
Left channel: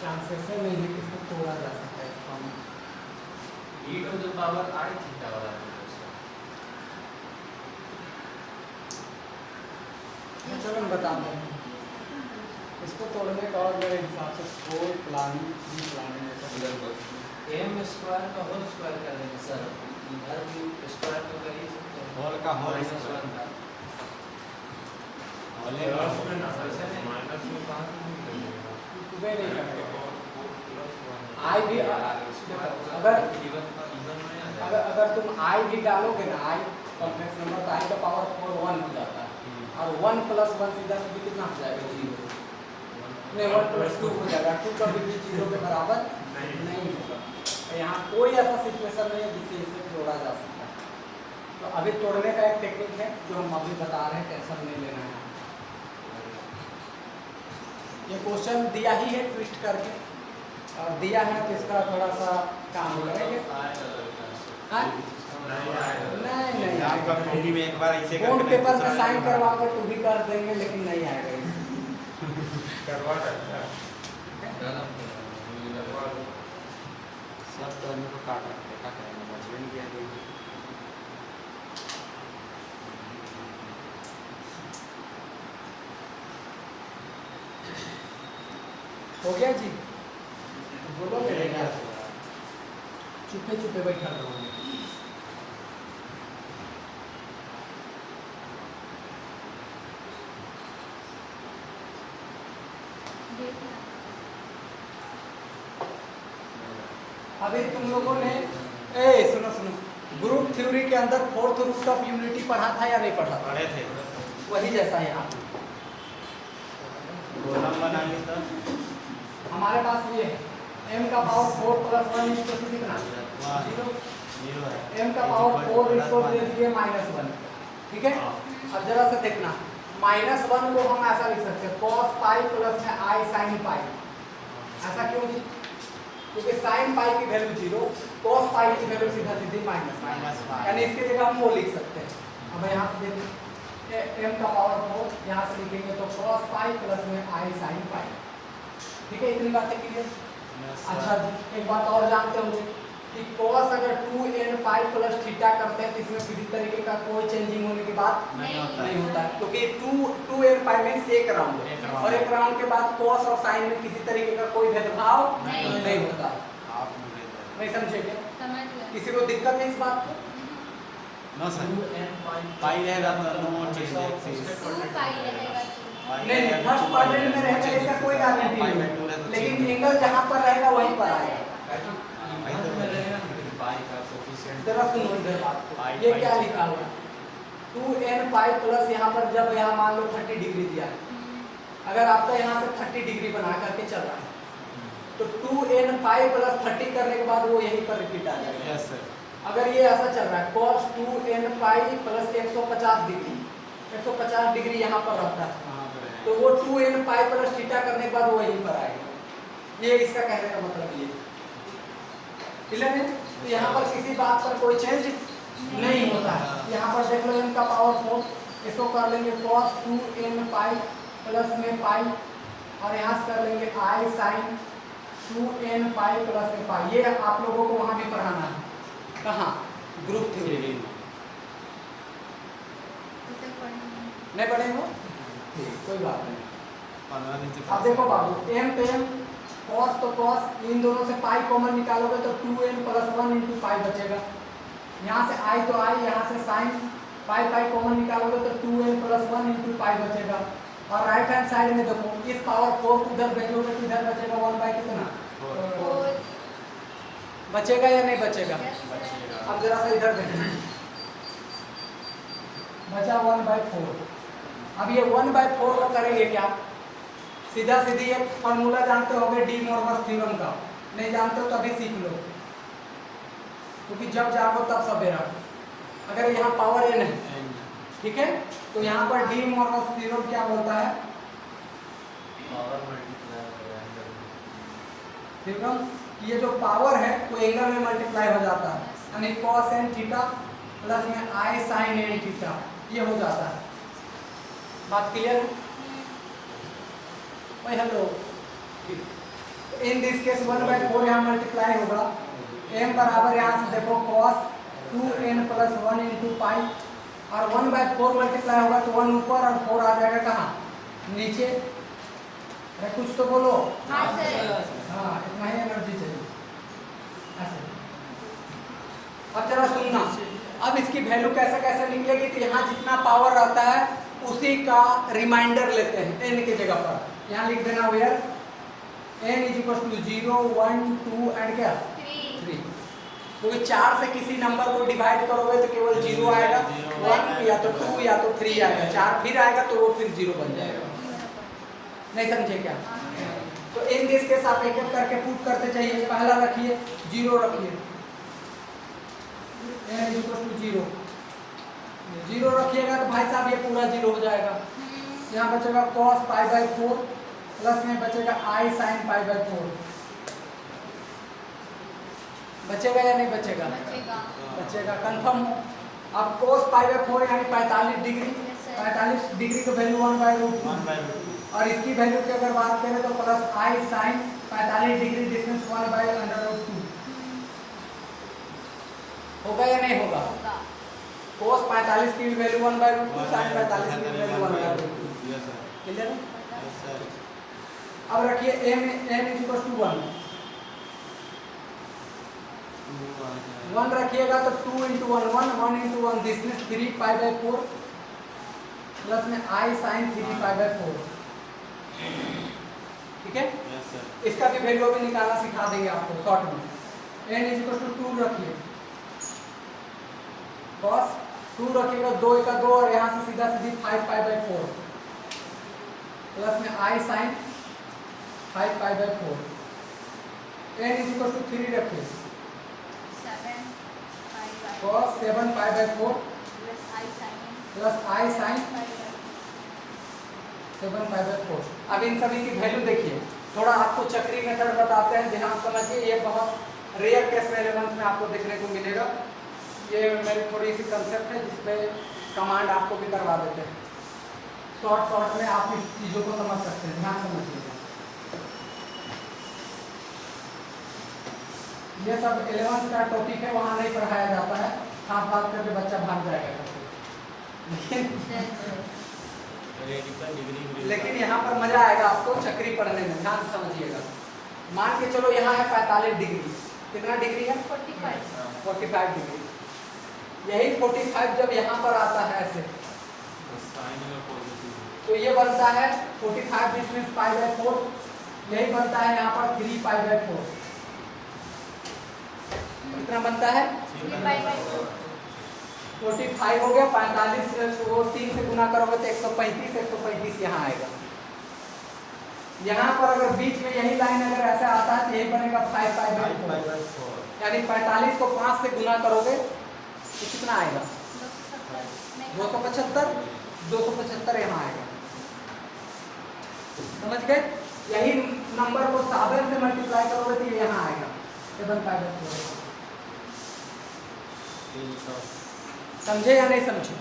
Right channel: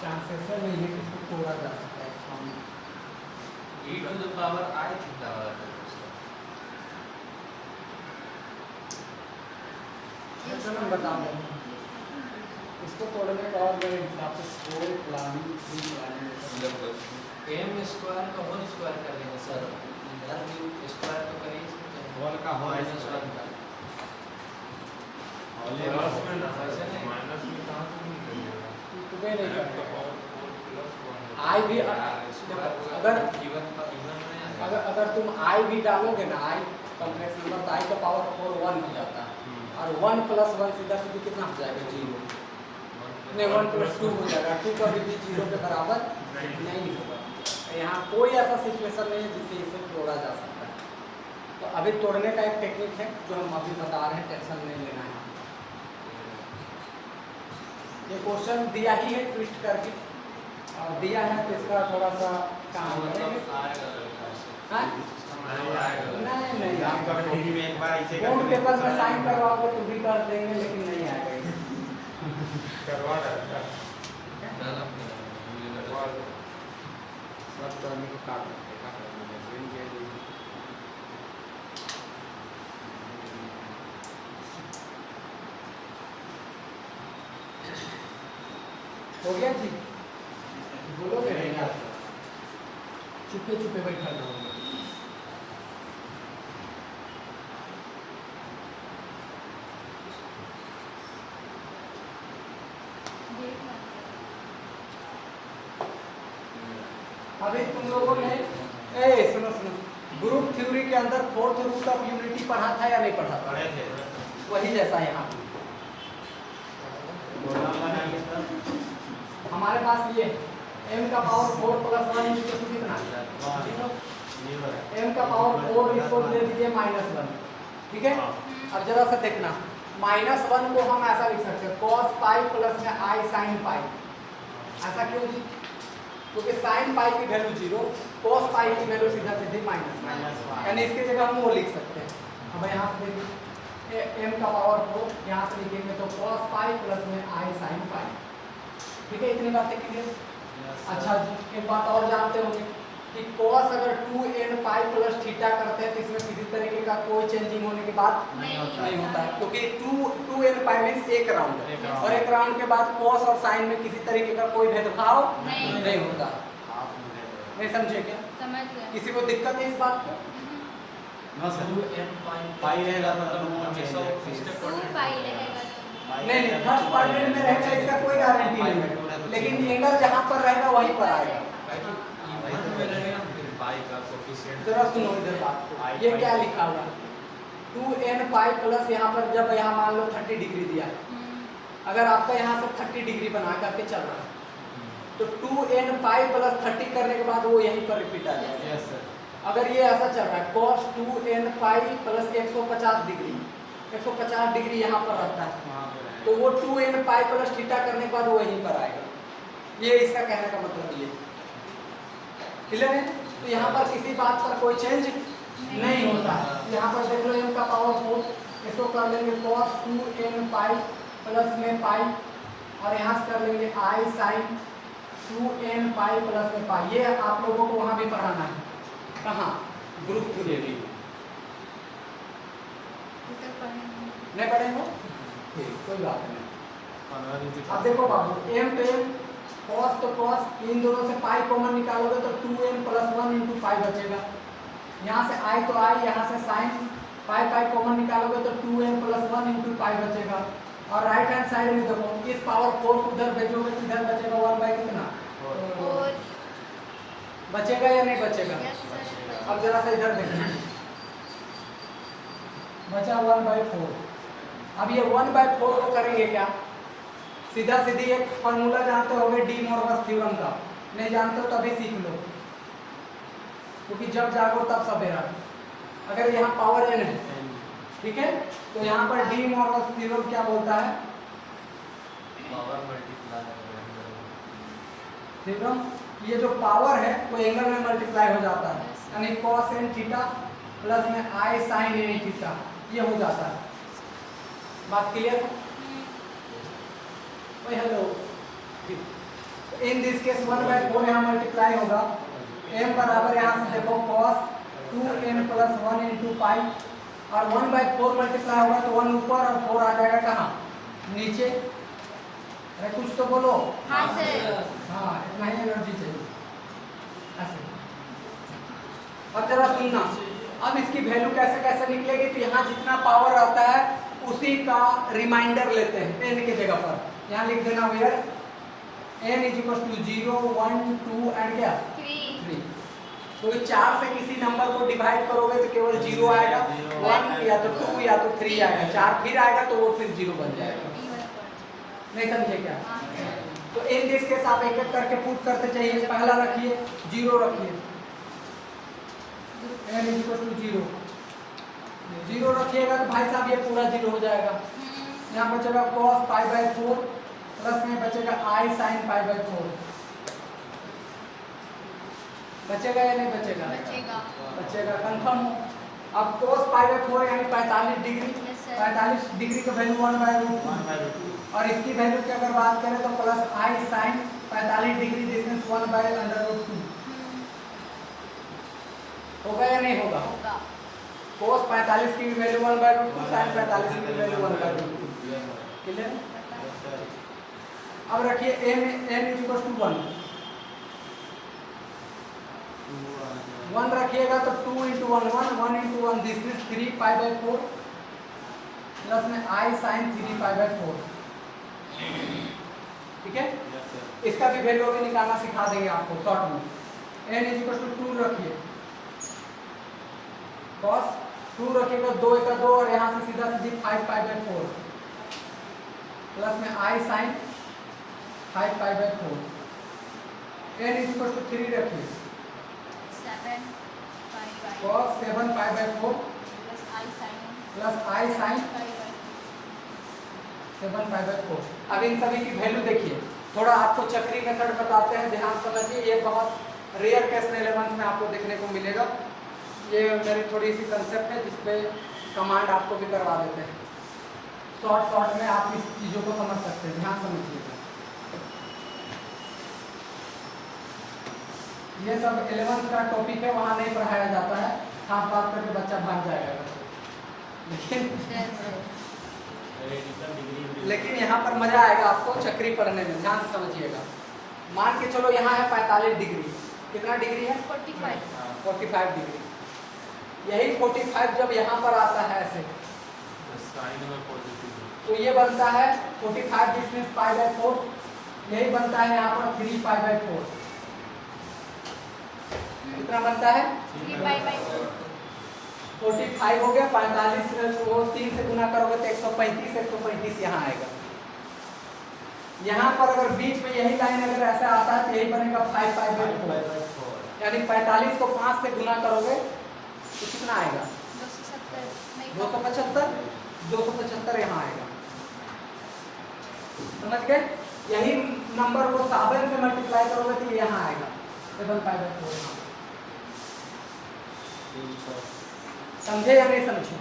चांसेस है नहीं है कि इसको तोड़ा जा सकता है। इसको हम e to the power I theta वाला चलो हम बता दें, इसको तोड़ने का और मेरे हिसाब से कोई प्लानिंग m स्क्वायर का होल स्क्वायर कर लेंगे सर, इधर भी स्क्वायर तो कर ही सकते हैं, होल का होल माइनस 1 का माइनस में कहाँ से निकलेगा? तुम्हें नहीं करता। और 4 + 1 आई भी अगर अगर तुम आई भी डालोगे ना, आई कॉम्प्लेक्स नंबर तो आई का पावर 4 1 हो जाता है, और 1 + 1 सीधा सीधी कितना हो जाएगा? 0। नहीं 1 + 2 हो जाएगा, 2 कभी भी 0 के बराबर नहीं होगा। यहाँ कोई ऐसा सिचुएशन नहीं है जिससे इसे जोड़ा जा सकता है। तो अभी तोड़ने का एक टेक्निक है जो हम अभी बता रहे हैं, टेंशन नहीं लेना है। ये क्वेश्चन दिया ही है ट्विस्ट करके, और दिया है तो इसका थोड़ा सा काम हो जाएगा। हाँ? नहीं नहीं आपका कॉपी में एक बार ऐसे बॉन्ड पेपर में साइन करवा के तो भी कर देंगे, लेकिन नहीं आएगा ये। सब करने को काट क्या करेंगे, मछली नहीं किया हो गया जी, बोलो जाएगा। चुपे चुपे बैठा रहोगे। अभी तुम लोगों ने सुनो सुनो, ग्रुप थ्योरी के अंदर फोर्थ रूट ऑफ यूनिटी पढ़ा था या नहीं पढ़ा था? पढ़े थे वही जैसा यहाँ हमारे पास ये m का पावर 4 प्लस 1 इसको कितना, m का पावर 4 इसको ले लीजिए -1, ठीक है। अब जरा सा देखना, -1 को हम ऐसा लिख सकते हैं cos पाई प्लस में i sin पाई। ऐसा क्यों जी? क्योंकि sin पाई की वैल्यू 0, cos पाई की वैल्यू सीधा सीधी -1, यानी इसकी जगह हम वो लिख सकते हैं। अब यहाँ से देखिए m का पावर 4 यहाँ से लिखेंगे तो cos पाई प्लस में i sin पाई, ठीक है। इतनी बातें क्लियर? अच्छा जी, एक बात और जानते होंगे कि cos अगर 2n पाई प्लस थीटा करते हैं तो इसमें किसी तरीके का कोई चेंजिंग होने की बात नहीं होता है, क्योंकि 2n पाई मींस एक राउंड है, और एक राउंड के बाद cos और sin में किसी तरीके का कोई भेदभाव नहीं होता। नहीं समझे क्या? किसी को दिक्कत है इस बात को? ना सर, पाई रहेगा मतलब मोड चेंज नहीं नहीं, फर्स्ट क्वाड्रेंट में रहेगा इसका कोई गारंटी नहीं है, लेकिन एंगल जहाँ पर रहेगा वहीं पर आएगा। जरा सुनो इधर बात को, ये क्या लिखा हुआ है 2n पाई प्लस, यहाँ पर जब यहाँ मान लो 30 डिग्री दिया, अगर आपका यहाँ से 30 डिग्री बना करके चल रहा है तो 2n पाई प्लस 30 करने के बाद वो यहीं पर रिपीट आ जाएगा। Yes sir. अगर ये ऐसा चल रहा है cos 2n pi plus 150 degree, 150 degree यहाँ पर रहता है, तो वो 2n पाई प्लस थीटा करने के बाद वो यहीं पर आएगा। ये इसका कहने का मतलब ये क्लियर है। तो यहाँ पर किसी बात पर कोई चेंज नहीं होता है। यहाँ पर देख लो m का पावर 4, इसको कर लेंगे cos 2n पाई प्लस में पाई, और यहाँ से कर लेंगे i sin 2n pi plus में पाई। ये आप लोगों को वहाँ भी पढ़ाना है। कहाँ? Group theory. नहीं पढ़े हो? ठीक, कोई बात नहीं। अब देखो बाबू, m तो m, cos तो cos, इन दोनों से पाई कॉमन निकालोगे तो 2n प्लस 1 इंटू पाई बचेगा। यहाँ से i तो i, यहाँ से sin पाई पाई कॉमन निकालोगे तो 2n प्लस 1 इंटू पाई बचेगा। और राइट हैंड साइड में देखो, इस पावर 4 को उधर भेजोगे तो इधर बचेगा 1 बाई कितना, बचेगा या नहीं बचेगा? अब जरा सा इधर देखना, बचा 1/4। अब ये 1/4 को करेंगे क्या? सीधा सीधी एक फॉर्मूला जानते होगे डी मॉर्गन थ्योरम का, नहीं जानते हो तो अभी सीख लो, क्योंकि जब जागो तब सवेरा। अगर यहाँ पावर n है, ठीक है, तो यहाँ पर डी मॉर्गन थ्योरम क्या बोलता है? थ्योरम ये जो पावर है वो एंगल में मल्टीप्लाई हो जाता है, यानी cos n थीटा प्लस में i sin n थीटा, ये हो जाता है। बात क्लियर है? हेलो, इन दिस केस 1/4 यहाँ मल्टीप्लाई होगा, m बराबर यहाँ से देखो cos 2n plus 1 into pi, और 1/4 मल्टीप्लाई होगा तो 1 ऊपर और 4 आ जाएगा कहाँ? नीचे। अरे कुछ तो बोलो। हाँ, इतना ही एनर्जी चाहिए। ऐसे अब जरा सुनना, अब इसकी वैल्यू कैसे कैसे निकलेगी? तो यहाँ जितना पावर रहता है उसी का रिमाइंडर लेते हैं n की जगह पर। यहाँ लिख देना where n is equal to 0, 1, 2 and क्या 3। तो 4 से किसी नंबर को डिवाइड करोगे तो केवल 0 आएगा, 1 या तो 2 या तो 3 आएगा, 4 फिर आएगा तो वो फिर 0 बन जाएगा। नहीं समझे क्या? तो इन दिस के साथ एक एक करके पुट करते चाहिए। पहला रखिए 0 रखिए, n is equal to 0, zero रखिएगा तो भाई साहब ये पूरा जीरो हो जाएगा। यहाँ बचेगा cos π/4 प्लस में बचेगा I sin π/4। बचेगा या नहीं बचेगा? बचेगा कंफर्म हो। अब cos π/4 यानी 45 डिग्री, 45 डिग्री का वैल्यू 1/√2 और इसकी वैल्यू की अगर बात करें तो plus I sin 45 degree distance 1/√2 होगा या नहीं होगा? cos 45 की वैल्यू 1/√2, sin 45 की वैल्यू 1/√2। क्लियर है? अब रखिए m n = 1 रखिएगा तो 2 × 1 1 × 1 दिस मींस 3 π/4 प्लस में I sin 3 π/4। ठीक है? इसका भी वैल्यू भी निकालना सिखा देंगे आपको शॉर्ट में। n = 2 रखिए, cos 2 रखिएगा, 2 × 2 और यहाँ से सीधा सीधी 5 π/4 प्लस में I sin 5 π/4। n = 3 रखिए, cos 7 π/4 प्लस I sin 7 π/4। अब इन सभी की वैल्यू देखिए, थोड़ा आपको चक्री मेथड बताते हैं, ध्यान समझिए। ये बहुत रेयर क्वेश्चन 11th में आपको देखने को मिलेगा। ये मेरी थोड़ी सी कंसेप्ट है जिसपे कमांड आपको भी करवा देते हैं। शॉर्ट में आप इस चीज़ों को समझ सकते हैं, ध्यान समझिएगा। ये सब 11th का टॉपिक है, वहाँ नहीं पढ़ाया जाता है। खास बात करके बच्चा भाग जाएगा लेकिन यहाँ पर मजा आएगा आपको चक्री पढ़ने में, ध्यान से समझिएगा। मान के चलो यहाँ है 45 डिग्री, कितना डिग्री है? 45 डिग्री। यही 45 जब यहाँ पर आता है ऐसे तो ये बनता है 45 जिसमें π/4, यही बनता है यहाँ पर 3 π/4। कितना बनता है? 45 हो गया, 45 वो 3 से गुना करोगे तो 135 यहाँ आएगा। यहाँ पर अगर बीच में यही लाइन अगर ऐसा आता है तो यही बनेगा 5 π/4, यानी 45 को 5 से गुना करोगे तो कितना आएगा? 275 यहाँ आएगा। समझ गए? यही नंबर को 7 से मल्टीप्लाई करोगे तो यहाँ आएगा 7 π/4। समझे या नहीं समझे?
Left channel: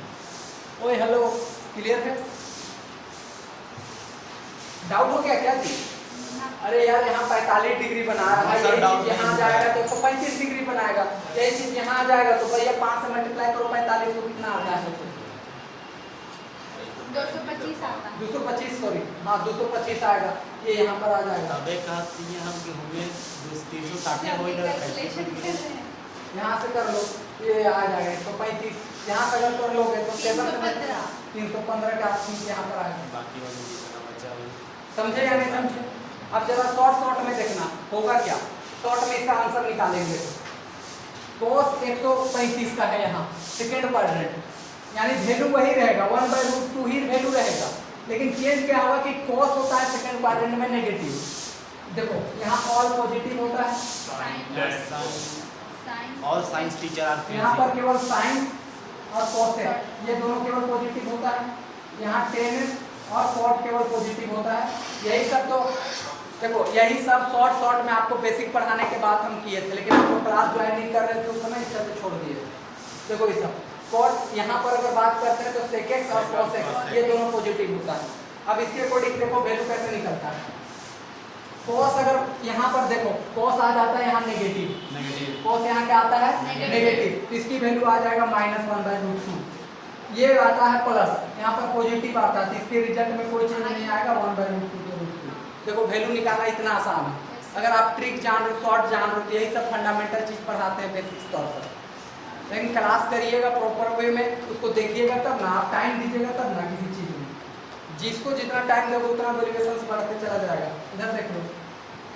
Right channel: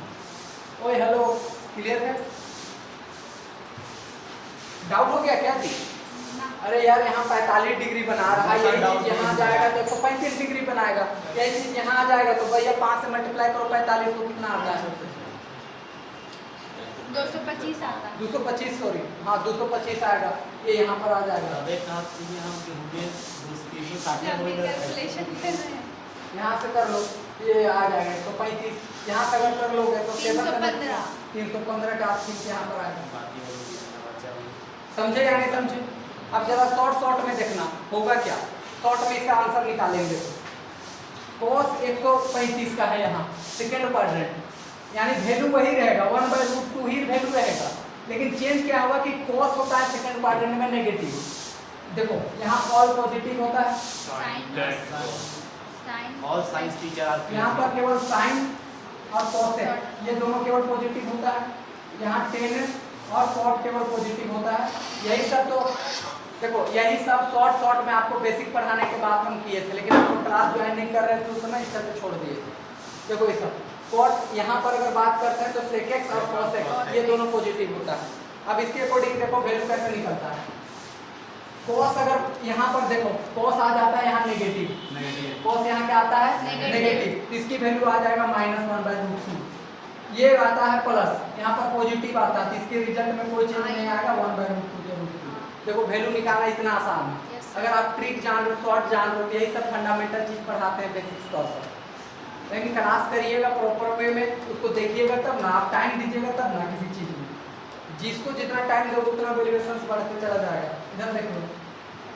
ओए हेलो, क्लियर है? डाउट हो गया क्या चीज? अरे यार यहाँ 45 डिग्री बना रहा है, यही चीज यहाँ जाएगा तो 135 डिग्री बनाएगा, यही चीज यहाँ जाएगा तो भैया 5 से मल्टीप्लाई करो 45 को कितना आ जाएगा? 225 आता है। 225 सॉरी, हाँ 225 आएगा, ये यहाँ पर आ जाएगा। अब एक बात ये है कि हमें 360 यहाँ से कर लो, ये आ जाएगा 135। यहाँ से अगर कर लोगे तो 315 के आसपास यहाँ पर आएगा। समझे या नहीं समझे? अब जरा शॉर्ट में देखना होगा क्या। शॉर्ट में इसका आंसर निकालेंगे। cos 135 का है यहाँ सेकेंड क्वाड्रेंट, यानी वैल्यू वही रहेगा 1/√2 ही वैल्यू रहेगा, लेकिन चेंज क्या होगा कि cos होता है सेकेंड क्वाड्रेंट में नेगेटिव। देखो यहाँ ऑल पॉजिटिव होता है और साइंस टीचर यहाँ पर केवल साइन और कॉस है, ये दोनों केवल पॉजिटिव होता है। यहाँ टेन और कॉट केवल पॉजिटिव होता है। यही सब तो देखो, यही सब शॉर्ट में आपको बेसिक पढ़ाने के बाद हम किए थे, लेकिन आपको क्लास ज्वाइन नहीं कर रहे थे उस समय, इस करके छोड़ दिए। देखो ये सब कॉट यहाँ पर अगर बात करते हैं तो सेक एक्स और कॉस एक्स ये दोनों पॉजिटिव होता है। अब इसके अकॉर्डिंग देखो वैल्यू कैसे निकलता है। कॉस अगर यहाँ पर देखो कॉस आ जाता है यहाँ नेगेटिव, कॉस यहाँ क्या आता है नेगेटिव, तो इसकी वैल्यू आ जाएगा -1/√2। ये आता है प्लस, यहाँ पर पॉजिटिव आता है तो इसके रिजल्ट में कोई चेंज नहीं आएगा 1/√2 के रूप में। देखो वैल्यू निकालना इतना आसान है। अगर आप ट्रिक जान रहे हो, शॉर्ट जान रहे हो, यही सब फंडामेंटल चीज पढ़ाते हैं बेसिक्स तौर पर, लेकिन क्लास करिएगा प्रॉपर वे में, उसको देखिएगा तब ना, आप टाइम दीजिएगा तब ना किसी चीज में। जिसको जितना टाइम लगेगा उतना वेरिएशन बढ़ते चला जाएगा। इधर देख लो,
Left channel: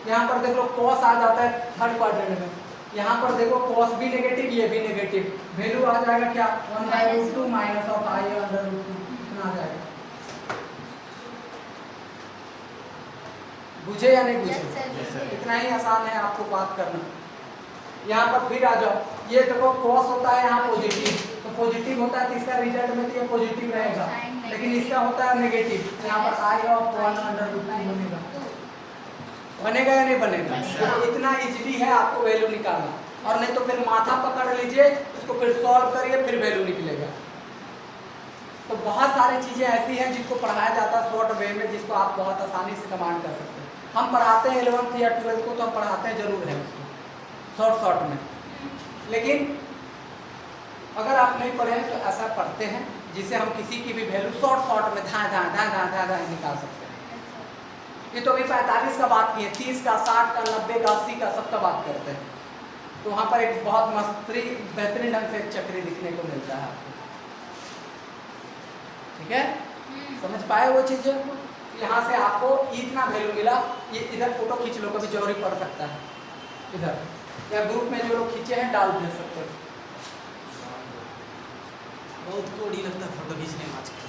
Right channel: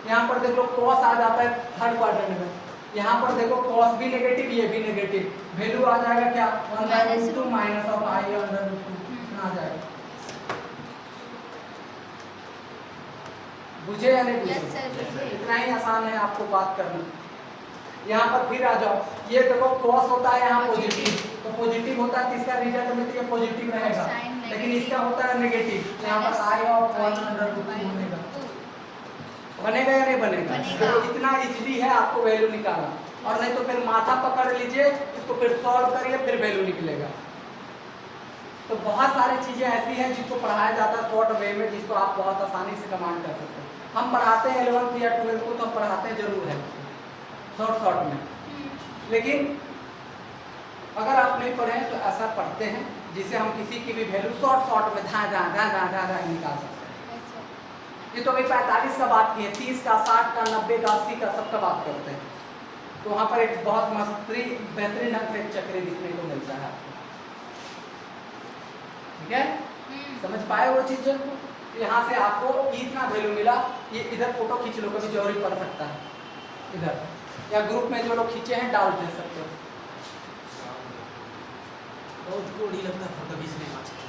यहाँ पर देख लो कॉस आ जाता है थर्ड क्वाड्रेंट में, यहाँ पर देखो कॉस भी नेगेटिव ये भी नेगेटिव, वैल्यू आ जाएगा क्या 1/√2 माइनस ऑफ i/√2 इतना आ जाएगा। बुझे या नहीं बुझे? इतना ही आसान है आपको बात करना। यहाँ पर फिर आ जाओ, ये देखो cos होता है यहाँ पॉजिटिव, तो पॉजिटिव होता है तो इसका रिजल्ट में तो ये पॉजिटिव रहेगा, लेकिन इसका होता है नेगेटिव, तो यहाँ पर आई ऑफ 1/√2 बनेगा। बनेगा या नहीं बनेगा? देखो इतना इजीली है आपको वैल्यू निकालना, और नहीं तो फिर माथा पकड़ लीजिए, इसको फिर सॉल्व करिए, फिर वैल्यू निकलेगा। तो बहुत सारी चीजें ऐसी हैं जिसको पढ़ाया जाता है शॉर्ट वे में, जिसको आप बहुत आसानी से कमांड कर सकते हैं। हम पढ़ाते हैं 11th या 12th को, तो हम पढ़ाते हैं जरूर है शॉर्ट में, लेकिन अगर आप नहीं पढ़े तो ऐसा पढ़ते हैं जिसे हम किसी की भी वैल्यू शॉर्ट में धा निकाल सकते हैं। ये तो अभी 45 का बात की है, 30 का, 60 का, 90 का, 80 का, सबका बात करते हैं। तो वहाँ पर एक बहुत बेहतरीन ढंग से चक्री दिखने को मिलता है आपको, ठीक है? समझ पाए वो चीजें? यहाँ से आपको इतना वैल्यू मिला। ये इधर फोटो खींच लो, कभी जरूरी पड़ सकता है इधर, या ग्रुप में जो लोग खींचे हैं डाल दे सकते हो। बहुत कोड़ी लगता है फोटो खींचने में आजकल।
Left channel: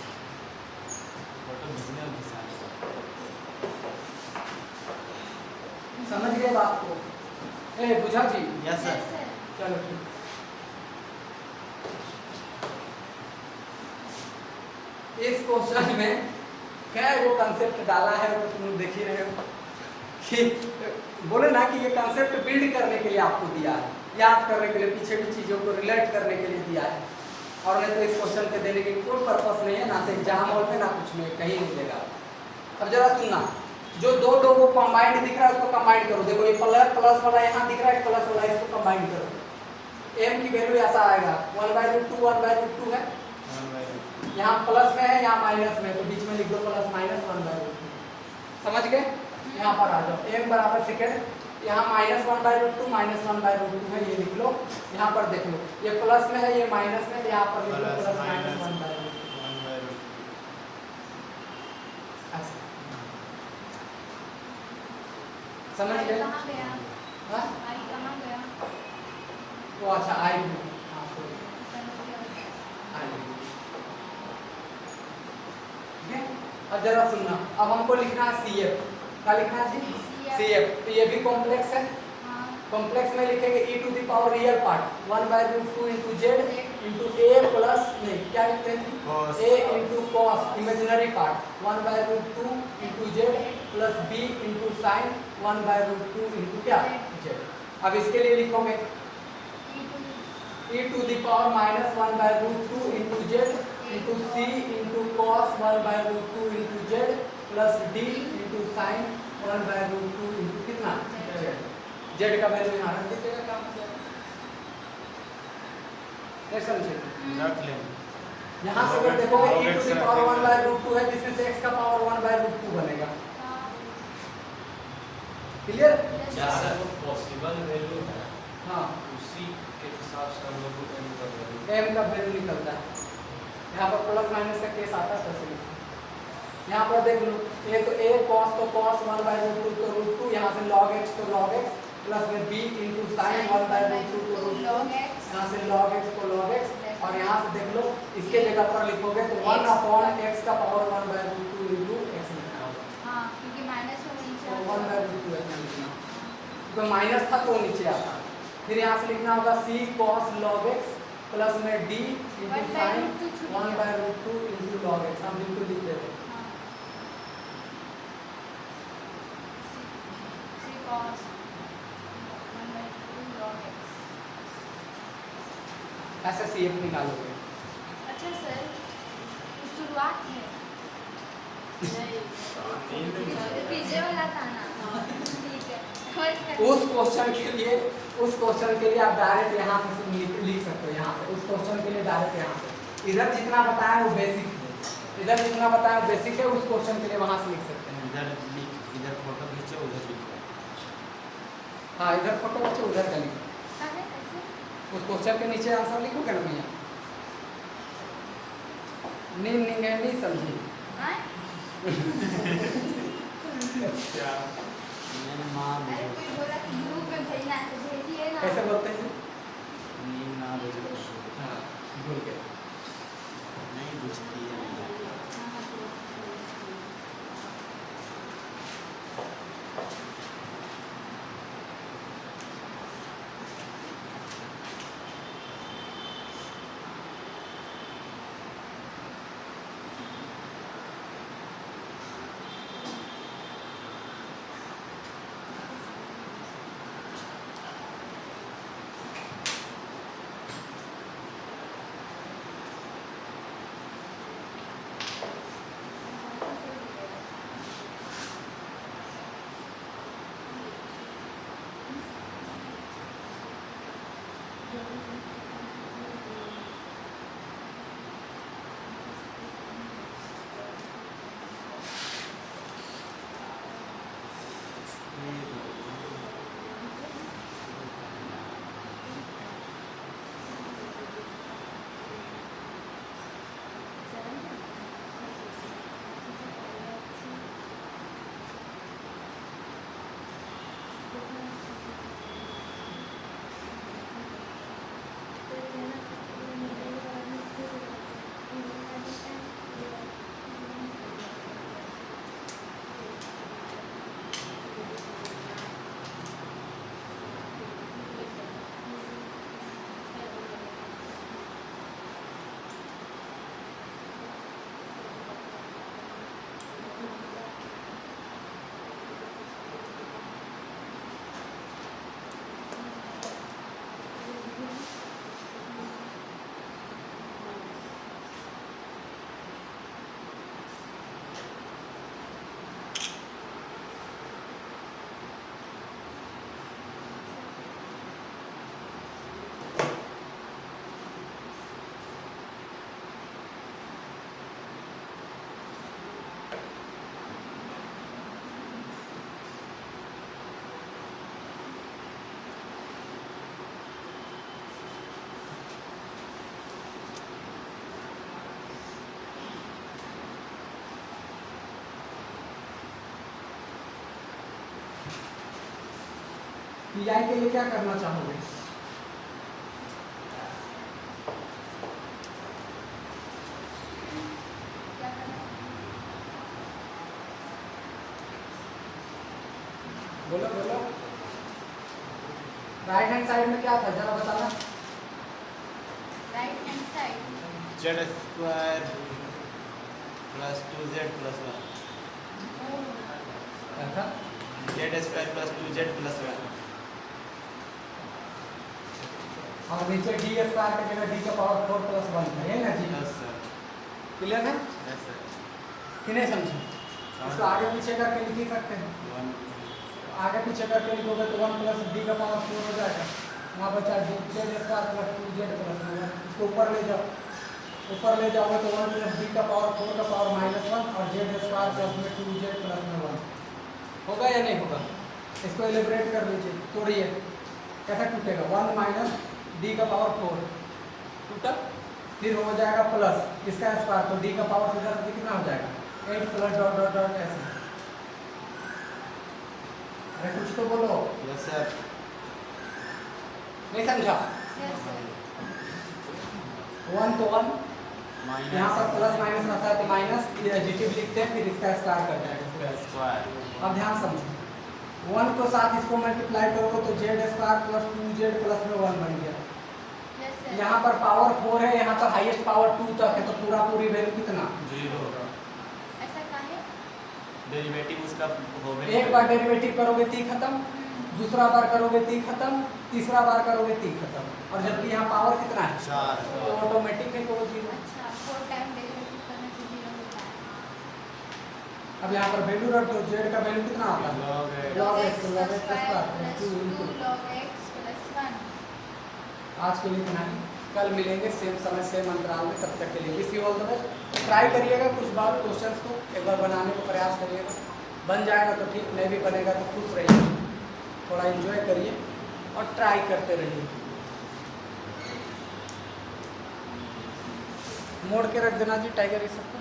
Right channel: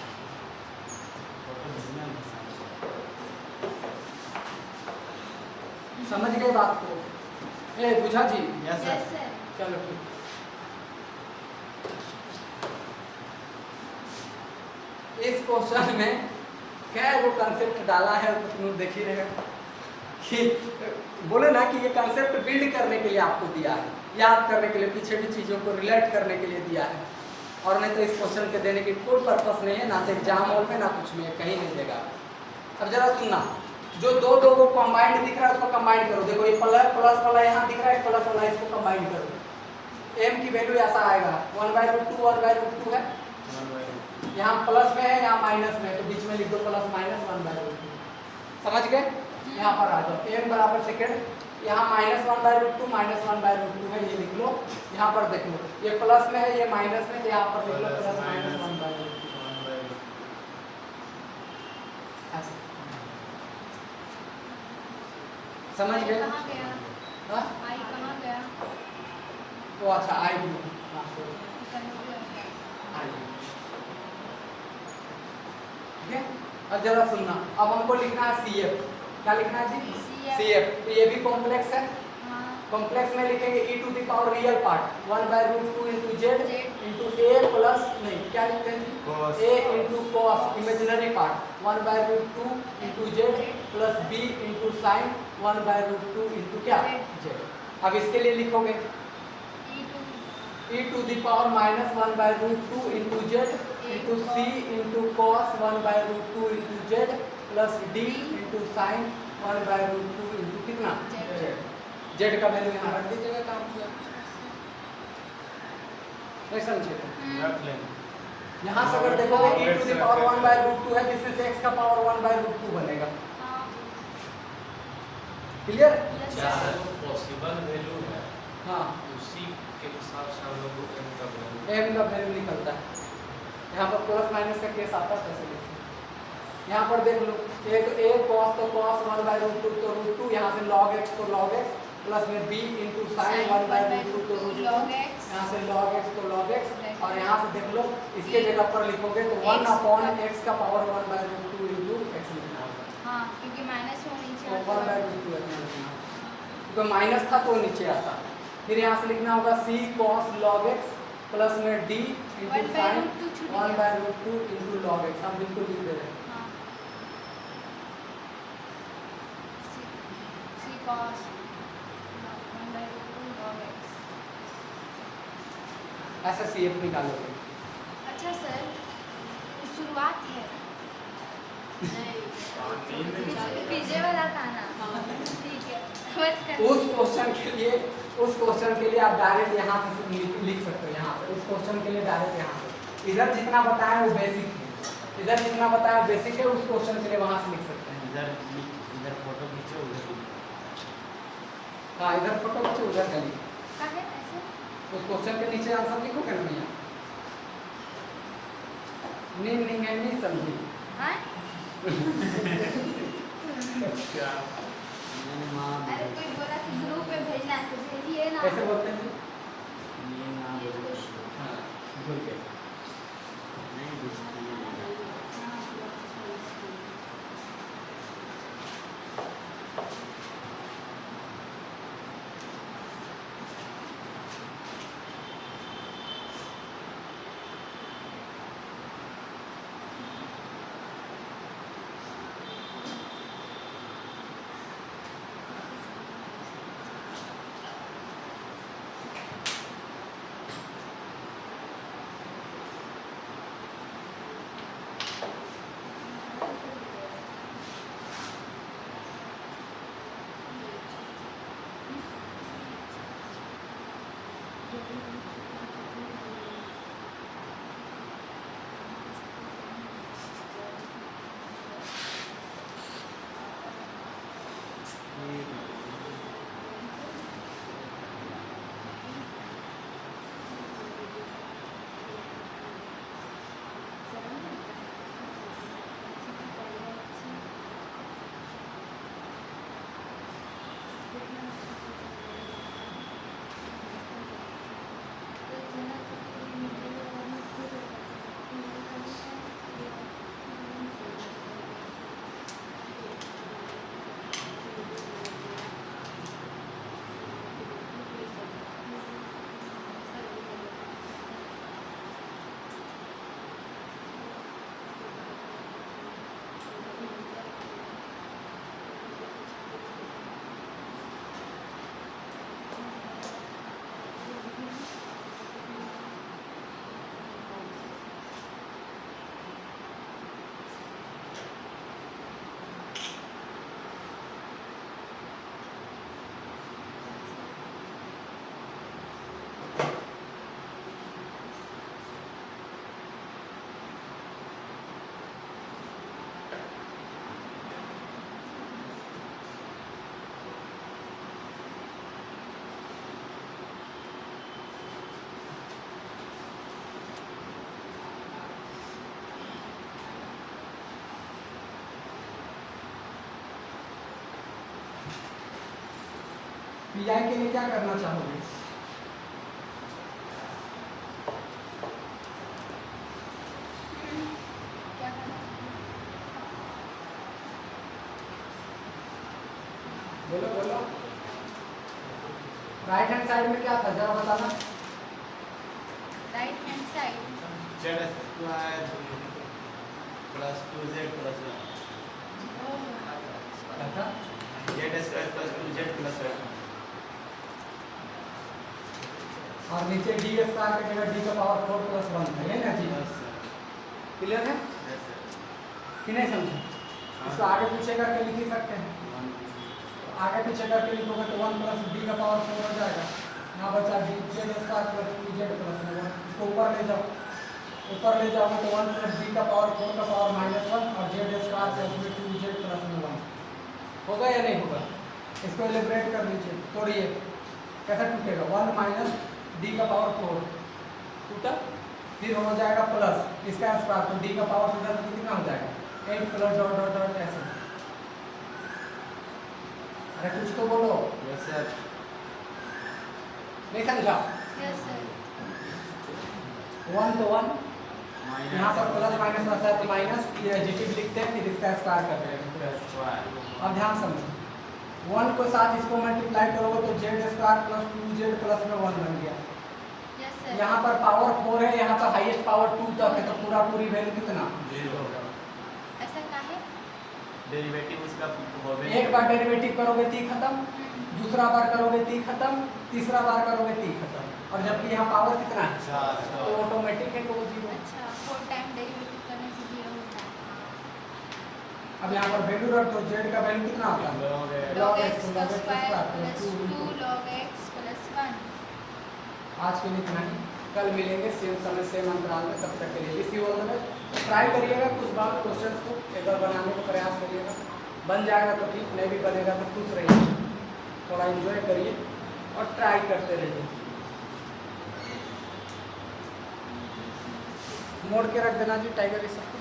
फोटो खींचने में समझ गए बात को? ए बुझा जी? Yes sir. चलो ठीक। इस क्वेश्चन में क्या है, वो कंसेप्ट डाला है तो तुम देख ही रहे हो कि बोले ना कि ये कंसेप्ट बिल्ड करने के लिए आपको दिया है, याद करने के लिए, पीछे की चीज़ों को रिलेट करने के लिए दिया है, और नहीं तो इस क्वेश्चन के देने की कोई पर्पस नहीं है, ना तो एग्जाम हॉल में, ना कुछ में, कहीं नहीं देगा। अब जरा सुनना, जो दो को कंबाइंड दिख रहा है उसको कंबाइंड करो। देखो ये प्लस वाला यहाँ दिख रहा है, प्लस वाला, इसको कंबाइंड करो। m की वैल्यू ऐसा आएगा 1/√2 है, यहाँ प्लस में है, यहाँ माइनस में, तो बीच में लिख दो प्लस माइनस 1/√2। समझ गए? यहाँ पर आ जाओ, m बराबर सेकेंड, यहाँ -1/√2 -1/√2 है, ये लिख लो। यहाँ पर देख लो, ये प्लस में है, ये माइनस में, यहाँ पर लिख लो प्लस माइनस 1/√2। समझ गए? हाँ? वो अच्छा आई ठीक है। अब जरा सुनना, अब हमको लिखना है CF। क्या लिखना है जी? CF। तो ये भी कॉम्प्लेक्स है, कॉम्प्लेक्स में लिखेंगे e to the power real part 1/√2 into z into a plus, नहीं क्या लिखते हैं, a into cos imaginary part 1/√2 into z plus b into sine 1/√2 into क्या, जेड। अब इसके लिए लिखोगे e to the power -1/√2 into z into c into cos 1/√2 into z plus d into sine 1/√2 into कितना, जेड। जेड का value यहाँ रख दीजिएगा, काम किया नहीं समझे? रख लें। यहाँ से अगर देखोगे e टू द पावर 1/√2 है, जिसमें से x का पावर 1/√2 बनेगा। क्लियर? क्या सर पॉसिबल वैल्यू है? हाँ, उसी के हिसाब से हम लोग को m का वैल्यू m का वैल्यू निकलता है। यहाँ पर प्लस माइनस का केस आता है, कैसे लिखते हैं? यहाँ पर देख लो, a तो a cos तो cos 1/√2 तो √2, यहाँ से log x तो log x प्लस में b इंटू साइन 1/√2 तो √2, यहाँ से log x तो log x, और यहाँ से देख लो इसके जगह पर लिखोगे तो 1/x का पावर 1/√2 इंटू x लिखना होगा। हाँ, क्योंकि माइनस में नीचे तो आता है। 1/√2 x लिखना, तो माइनस था तो नीचे आता। फिर यहाँ से लिखना होगा c cos log x plus में d into sine 1/√2 into log x। हम बिल्कुल लिख दे रहे हैं। ऐसा CF निकालोगे। अच्छा सर, शुरुआत है पीछे वाला था ना, ठीक है। उस क्वेश्चन के लिए आप डायरेक्ट यहाँ से लिख सकते हो। यहाँ पे उस क्वेश्चन के लिए डायरेक्ट यहाँ पे, इधर जितना बताया वो बेसिक है, इधर जितना बताया बेसिक है, उस क्वेश्चन के लिए वहाँ से लिख सकते हैं। इधर फोटो खींचे, उधर हाँ, इधर फोटो खींचे, उधर का लिखो। उस क्वेश्चन के नीचे आंसर लिखोगे ना भैया, नहीं है, नहीं समझी? अरे कोई बोला कि ग्रुप में भेजना है तो भेजिए ना। कैसे बोलते हैं? हाँ, भूल गए। नहीं बुझती है। पीआई के लिए क्या करना चाहोगे? क्या करना? बोलो बोलो। राइट हैंड साइड में क्या था जरा बताना। Right hand side Z square plus 2z plus 1 अच्छा Z square plus 2z plus 1 और नीचे डी स्क्वायर का जगह डी का पावर 4 प्लस 1 था ये ना जी? यस सर क्लियर है यस सर कि नहीं समझे? इसको आगे पीछे करके लिख ही सकते हैं। आगे पीछे करके लिखोगे तो 1 प्लस डी का पावर 4 हो जाएगा। यहाँ बचा D Z square plus 2z plus 1। इसको ऊपर ले जाओ, ऊपर ले जाओगे तो 1 प्लस डी का पावर 4 का पावर -1 और जेड स्क्वायर प्लस में 2z प्लस में 1 होगा या नहीं होगा? इसको एलिब्रेट कर लीजिए, तोड़िए। कैसा टूटेगा? 1 माइनस डी का पावर 4 टूटा, फिर हो जाएगा प्लस इसका स्क्वायर, तो डी का पावर सीधा सीधा कितना हो जाएगा? 8 प्लस डॉट डॉट डॉट ऐसे। अरे कुछ तो बोलो, यस सर नहीं समझा? यस सर 1 तो 1, यहाँ पर प्लस माइनस रहता है तो माइनस, ये एडिटिव लिखते हैं, फिर इसका स्क्वायर करते हैं। स्क्वायर अब ध्यान समझो, 1 को साथ इसको मल्टीप्लाई करोगे तो Z square plus 2z plus में 1 बन गया। यस सर यहाँ पर पावर 4 है, यहाँ पर हाईएस्ट पावर 2 तक है, तो पूरा पूरी वैल्यू कितना? 0 ऐसा काहे? डेरिवेटिव उसका हो गया एक बार डेरिवेटिव करोगे ती खत्म, दूसरा बार करोगे ती खत्म, तीसरा बार करोगे ती खत्म। और जबकि यहाँ पावर कितना है तो ऑटोमेटिक है कि वो 0। अच्छा 4 टाइम डेरिवेटिव करने से 0 होता है। अब यहाँ पर वैल्यू रख दो, जेड का वैल्यू कितना होता है? log x log x square plus plus 2 2 log x plus 1। आज के लिए इतना ही, कल मिलेंगे सेम समय सेम अंतराल में। तब तक के लिए इसी ऑल द बेस्ट। ट्राई करिएगा कुछ बार क्वेश्चंस को एक बार बनाने का प्रयास करिएगा, बन जाएगा तो ठीक, नहीं भी बनेगा तो खुश रहिए, थोड़ा एंजॉय करिए और ट्राई करते रहिए। मोड़ के रख देना जी टाइगर ये सबको।